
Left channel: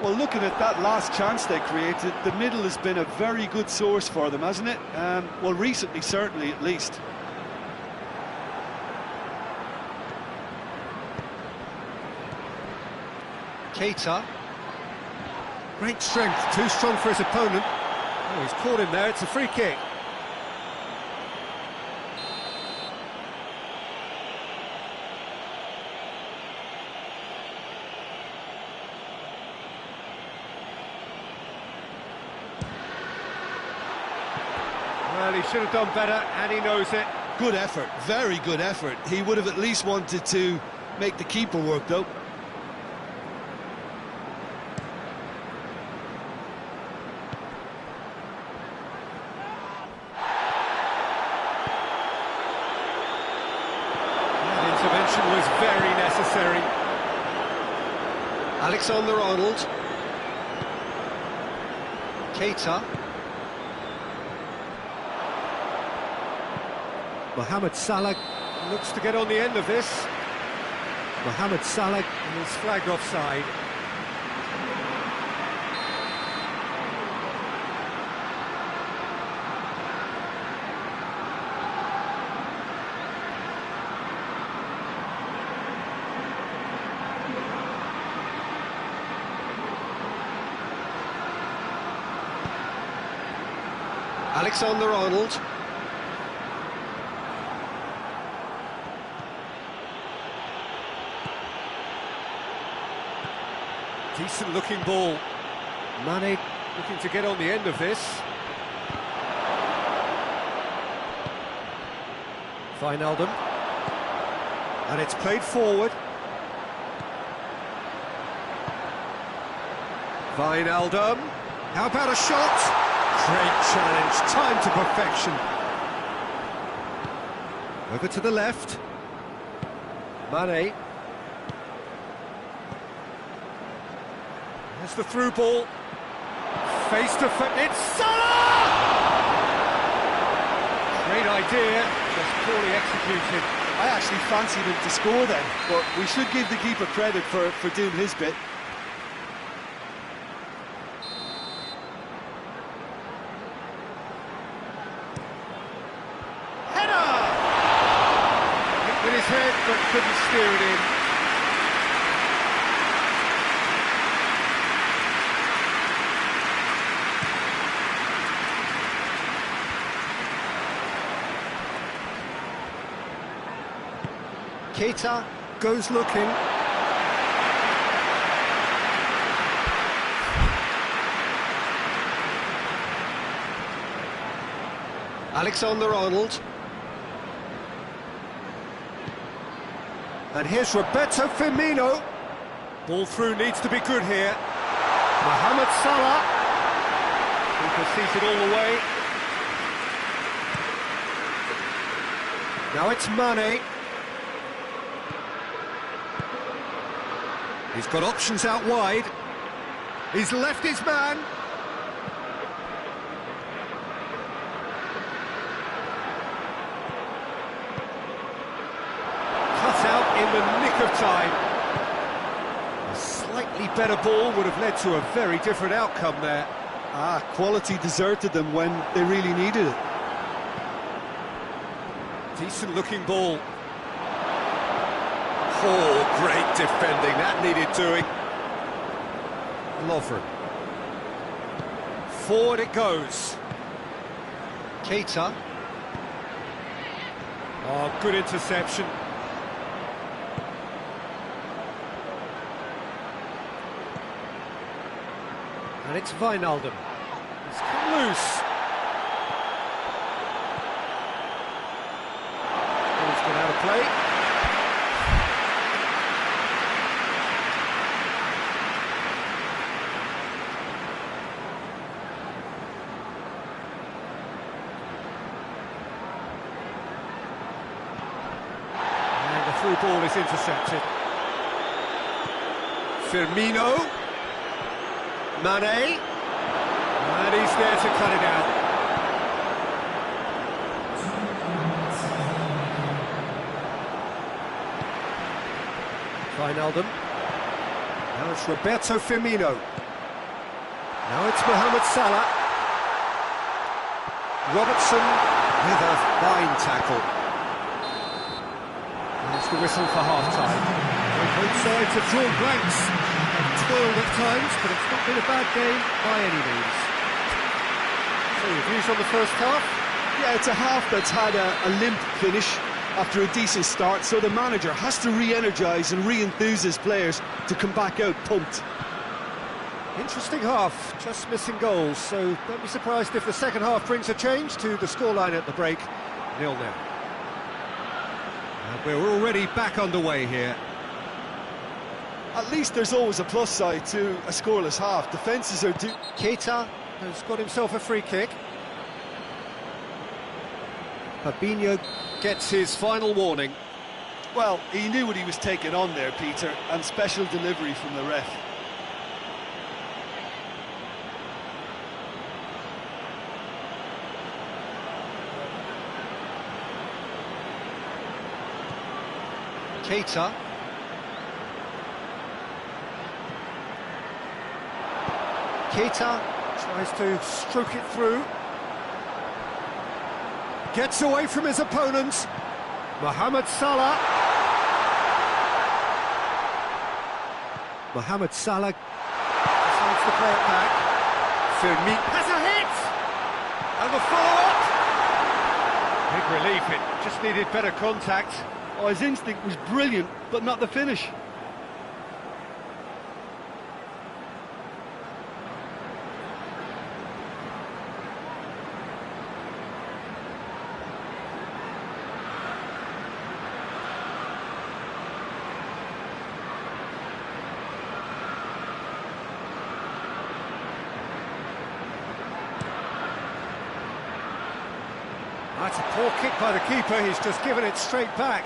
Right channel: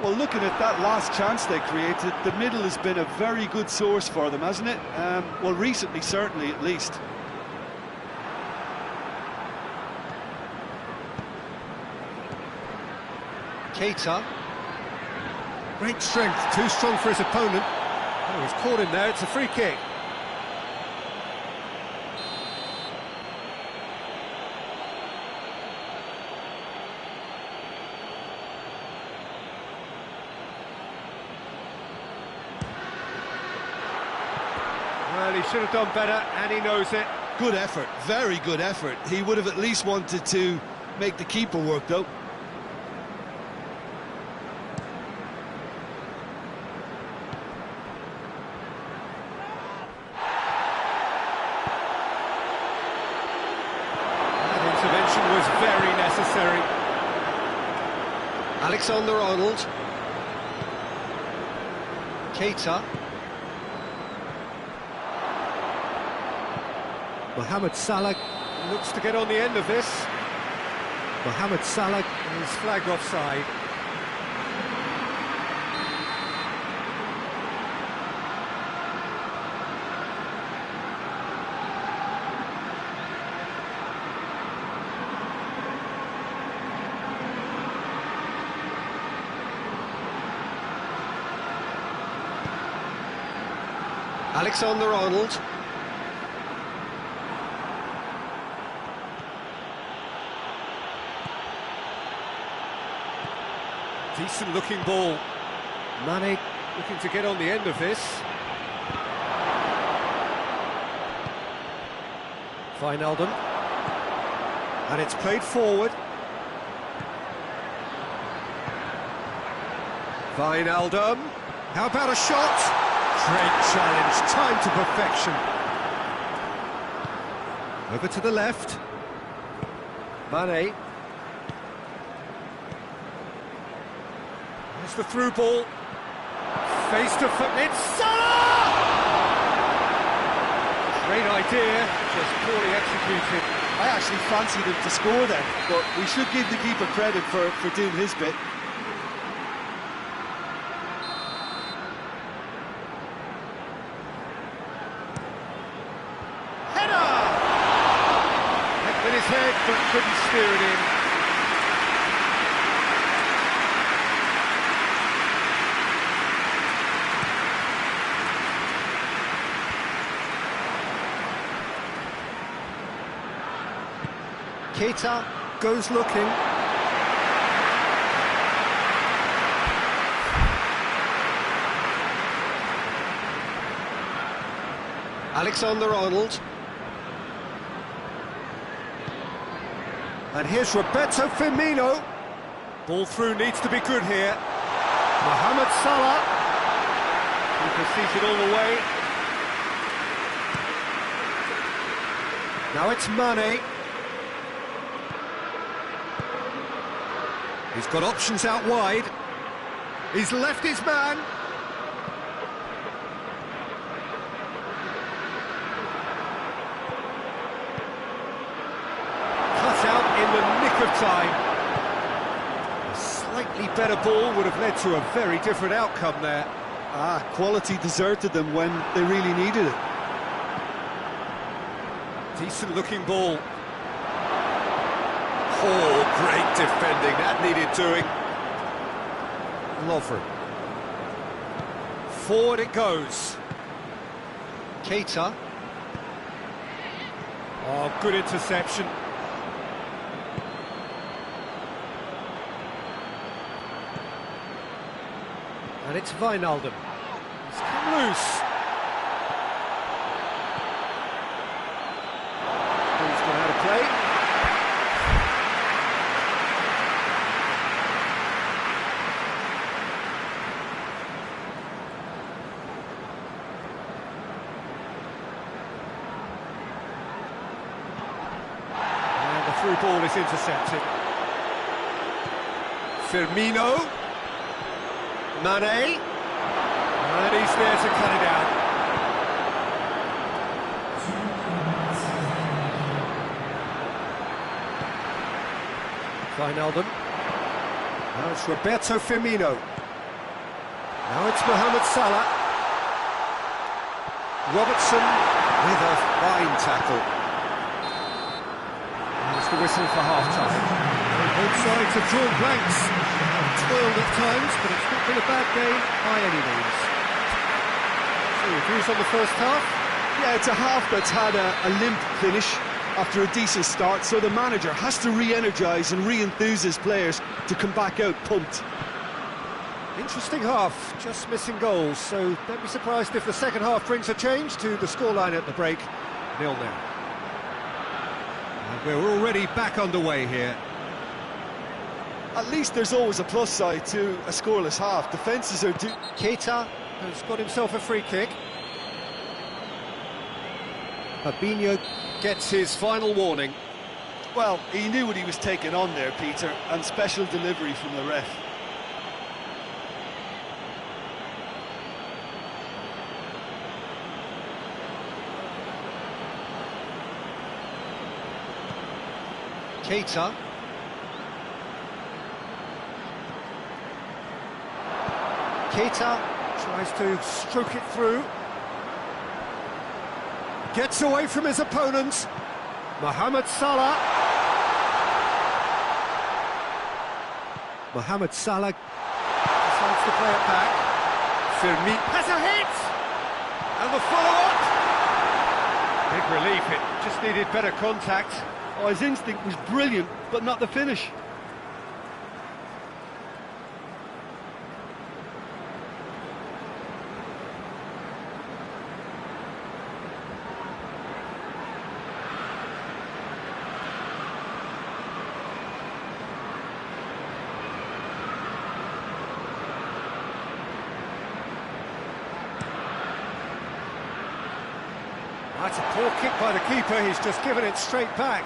Well, looking at that last chance they created, the middle has been a very good source for them, hasn't it? Well, recently, certainly, at least. Keita. Great strength, too strong for his opponent. Oh, he's caught him there, it's a free kick. Well, he should have done better, and he knows it. Good effort, very good effort. He would have at least wanted to make the keeper work, though. That intervention was very necessary. Alexander-Arnold. Keita. Mohamed Salah looks to get on the end of this. Mohamed Salah is flagged offside. Alexander-Arnold. Decent looking ball. Mane looking to get on the end of this. Wijnaldum. And it's played forward. Wijnaldum. How about a shot? Great challenge, time to perfection. Over to the left. Mane. There's the through ball. Face to face. It's Salah! Great idea, just poorly executed. I actually fancied him to score then, but we should give the keeper credit for doing his bit. Header! Went with his head, but couldn't steer it in. Keita goes looking. Alexander-Arnold. And here's Roberto Firmino. Ball through needs to be good here. Mohamed Salah. Keeper sees it all the way. Now it's Mane. He's got options out wide. He's left his man. Cut out in the nick of time. A slightly better ball would have led to a very different outcome there. Quality deserted them when they really needed it. Decent looking ball. Oh, great defending, that needed doing. Lovren. Forward it goes. Keita. Oh, good interception. And it's Wijnaldum. He's come loose. Ball's gone out of play. Through ball is intercepted. Firmino. Mane. And he's there to cut it out. Wijnaldum. Now it's Roberto Firmino. Now it's Mohamed Salah. Robertson with a fine tackle. There's the whistle for half-time. Both sides have drawn blanks, have toiled at times, but it's not been a bad game by any means. So your views on the first half? Yeah, it's a half that's had a limp finish after a decent start, so the manager has to re-energise and re-enthuse his players to come back out pumped. Interesting half, just missing goals, so don't be surprised if the second half brings a change to the scoreline at the break, 0-0. And we're already back underway here. At least there's always a plus side to a scoreless half. Defences are Keita has got himself a free kick. Fabinho gets his final warning. Well, he knew what he was taking on there, Peter, and special delivery from the ref. Keita. Keita tries to stroke it through. Gets away from his opponent. Mohamed Salah. Mohamed Salah decides to play it back. Firmino has a hit! And the follow-up! Big relief, it just needed better contact. Oh, his instinct was brilliant, but not the finish. That's a poor kick by the keeper, he's just given it straight back.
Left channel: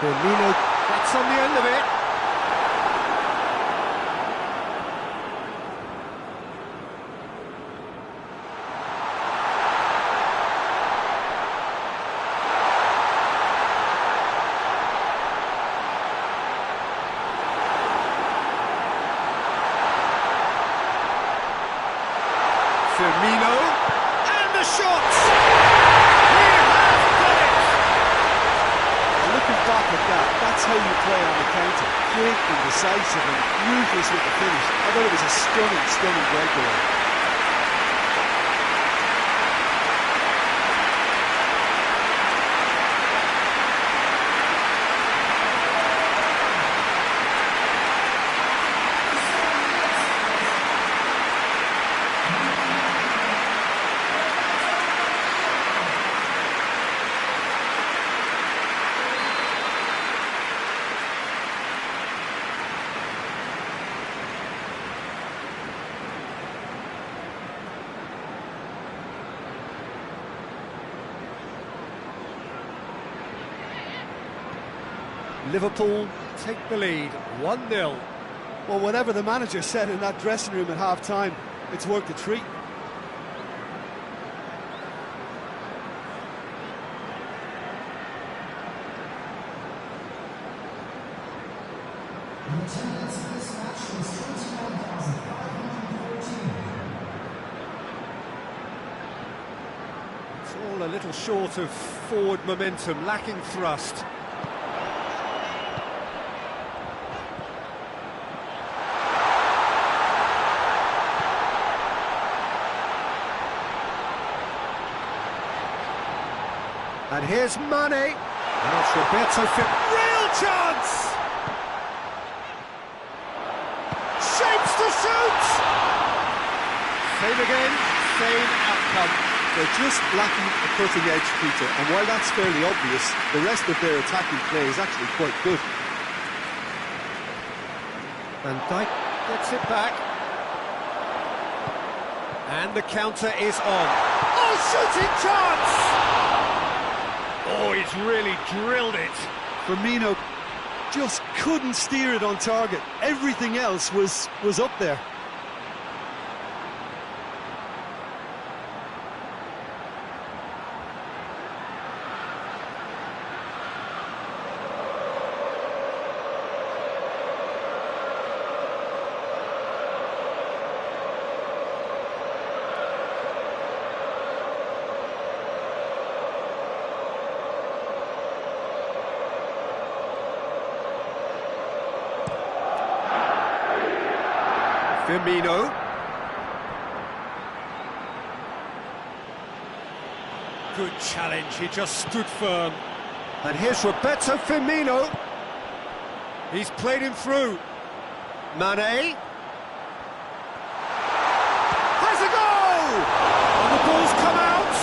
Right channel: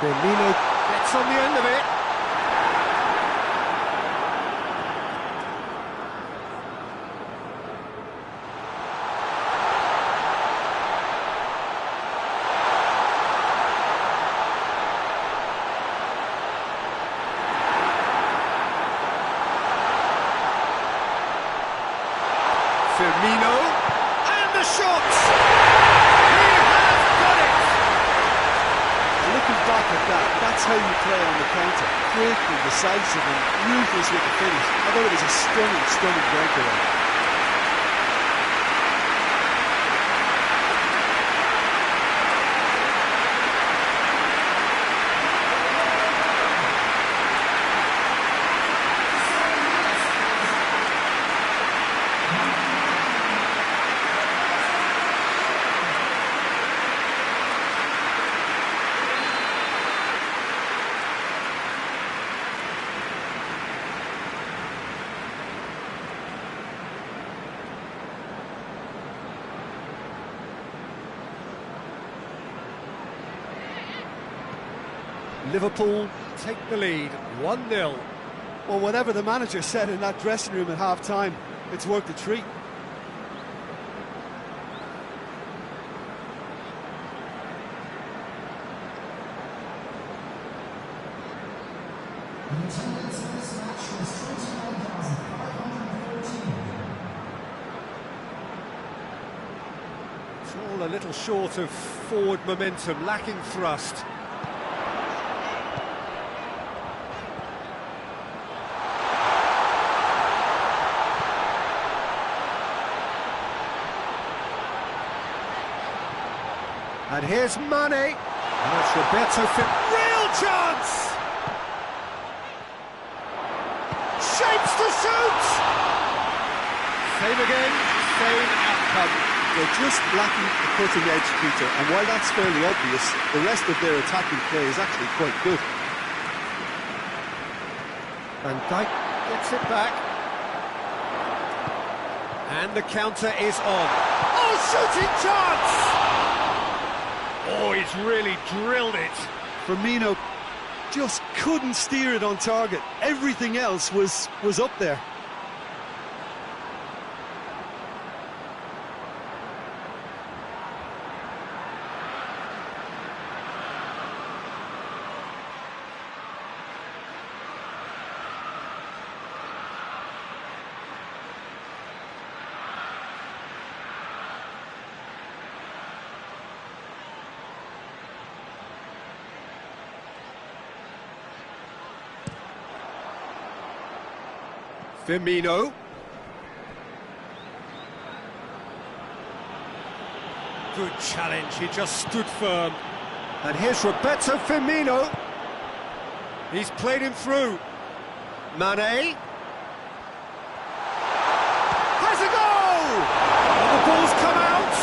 Firmino gets on the end of it. Firmino. The shots! He has done it! And looking back at that, that's how you play on the counter. Quick and decisive and ruthless with the finish. I thought it was a stunning breakaway. Liverpool take the lead, 1-0. Well, whatever the manager said in that dressing room at half-time, it's worked a treat. It's all a little short of forward momentum, lacking thrust. And here's Mane. And it's Roberto Firmino. Real chance! Shapes to shoot! Same again, same outcome. They're just lacking a cutting edge, Peter, and while that's fairly obvious, the rest of their attacking play is actually quite good. Van Dijk gets it back. And the counter is on. Oh, shooting chance! Oh, he's really drilled it. Firmino just couldn't steer it on target. Everything else was up there. Firmino. Good challenge, he just stood firm. And here's Roberto Firmino. He's played him through. Mane. Has a goal! And the ball's come out.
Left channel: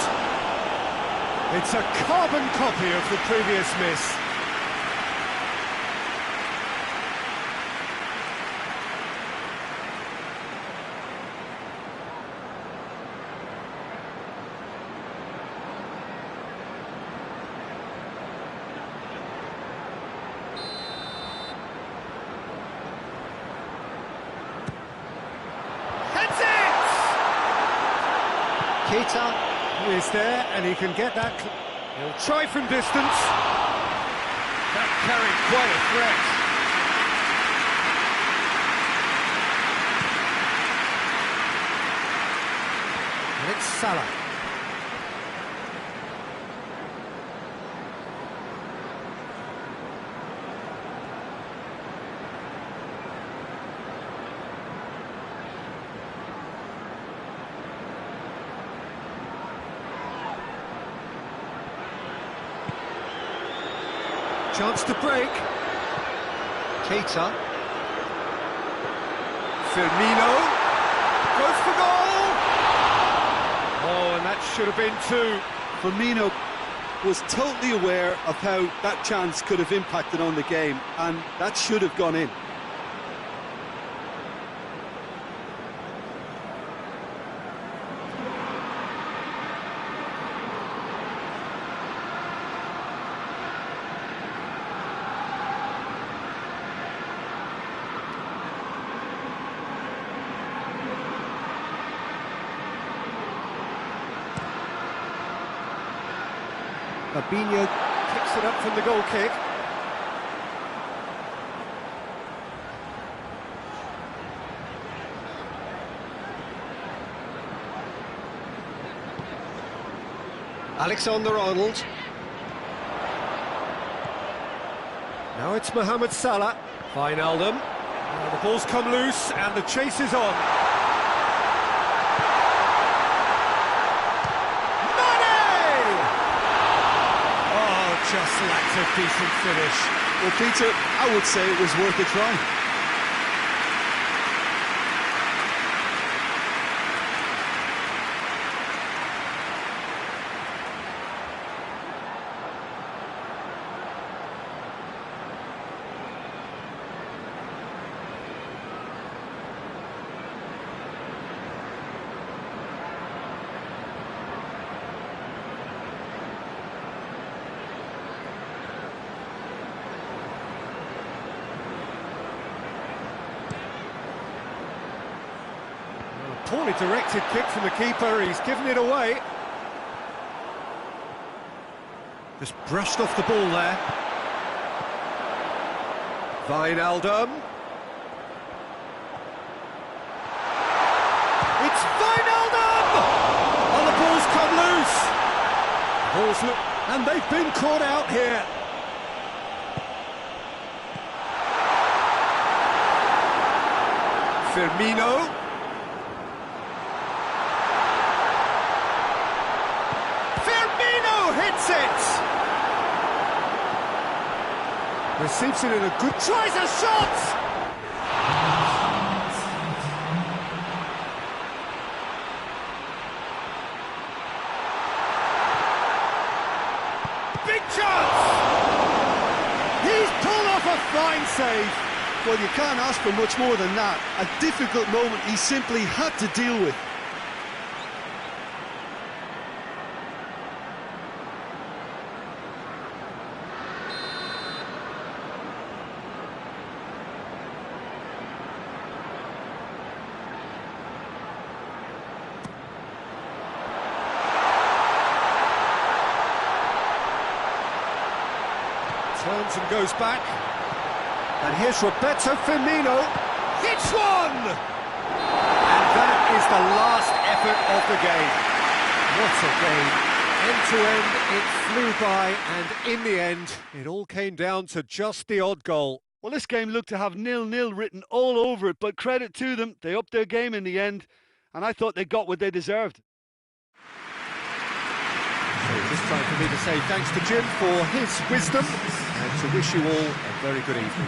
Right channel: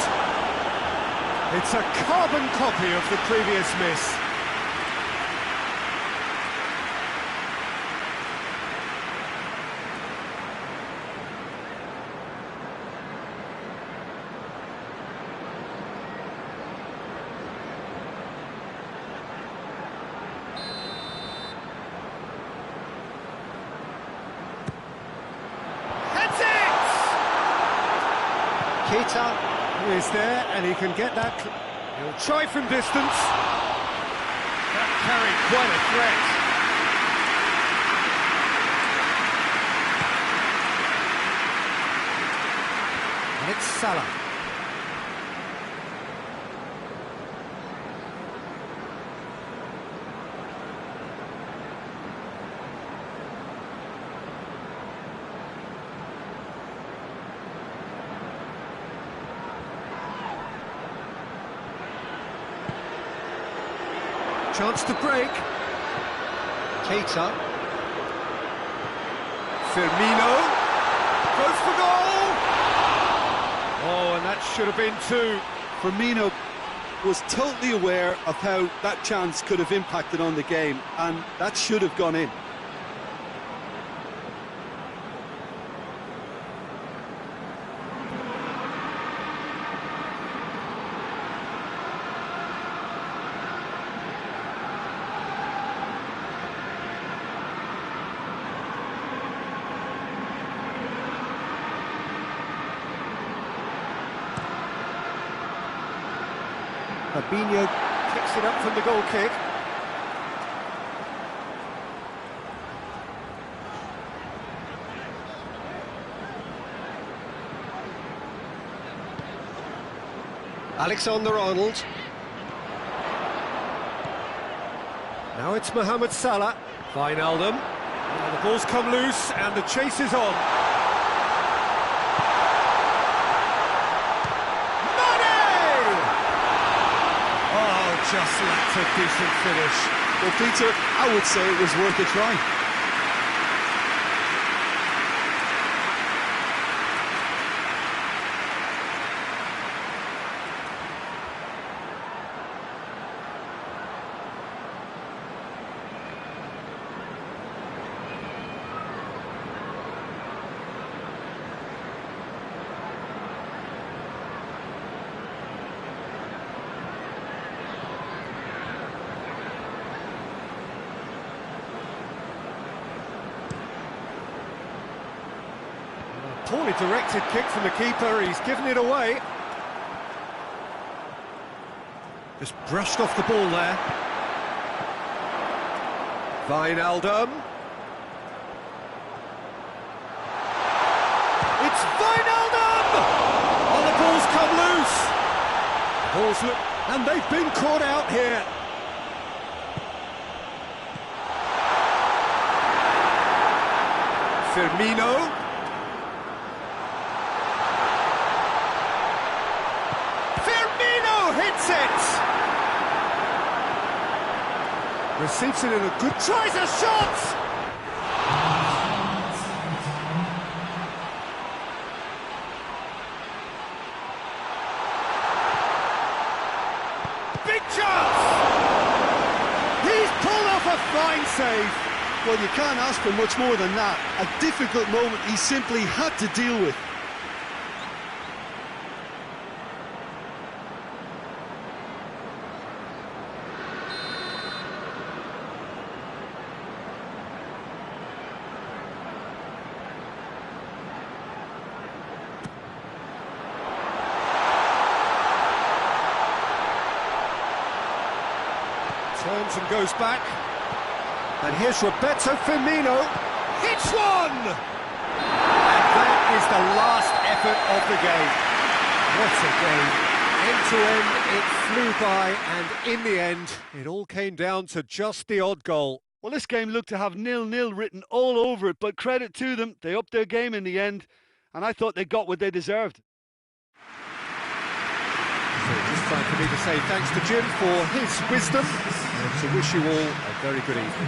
It's a carbon copy of the previous miss. Keita is there, and he can get that. He'll try from distance. That carried quite a threat. And it's Salah. Chance to break. Keita. Firmino. Goes for goal! Oh, and that should have been two. Firmino was totally aware of how that chance could have impacted on the game, and that should have gone in. Fabinho picks it up from the goal kick. Alexander-Arnold. Now it's Mohamed Salah. Wijnaldum. Now the ball's come loose and the chase is on. Just lacked a decent finish. Well, Peter, I would say it was worth a try. Poorly directed kick from the keeper, he's given it away. Just brushed off the ball there. Wijnaldum. It's Wijnaldum! Oh, the ball's come loose. And they've been caught out here. Firmino. Hits it! Receives it in a good... Tries a shot! Big chance! He's pulled off a fine save. Well, you can't ask for much more than that. A difficult moment he simply had to deal with. Turns and goes back. And here's Roberto Firmino. Hits one! And that is the last effort of the game. What a game. End to end, it flew by, and in the end, it all came down to just the odd goal. Well, this game looked to have 0-0 written all over it, but credit to them, they upped their game in the end, and I thought they got what they deserved. So just time for me to say thanks to Jim for his wisdom and to wish you all a very good evening.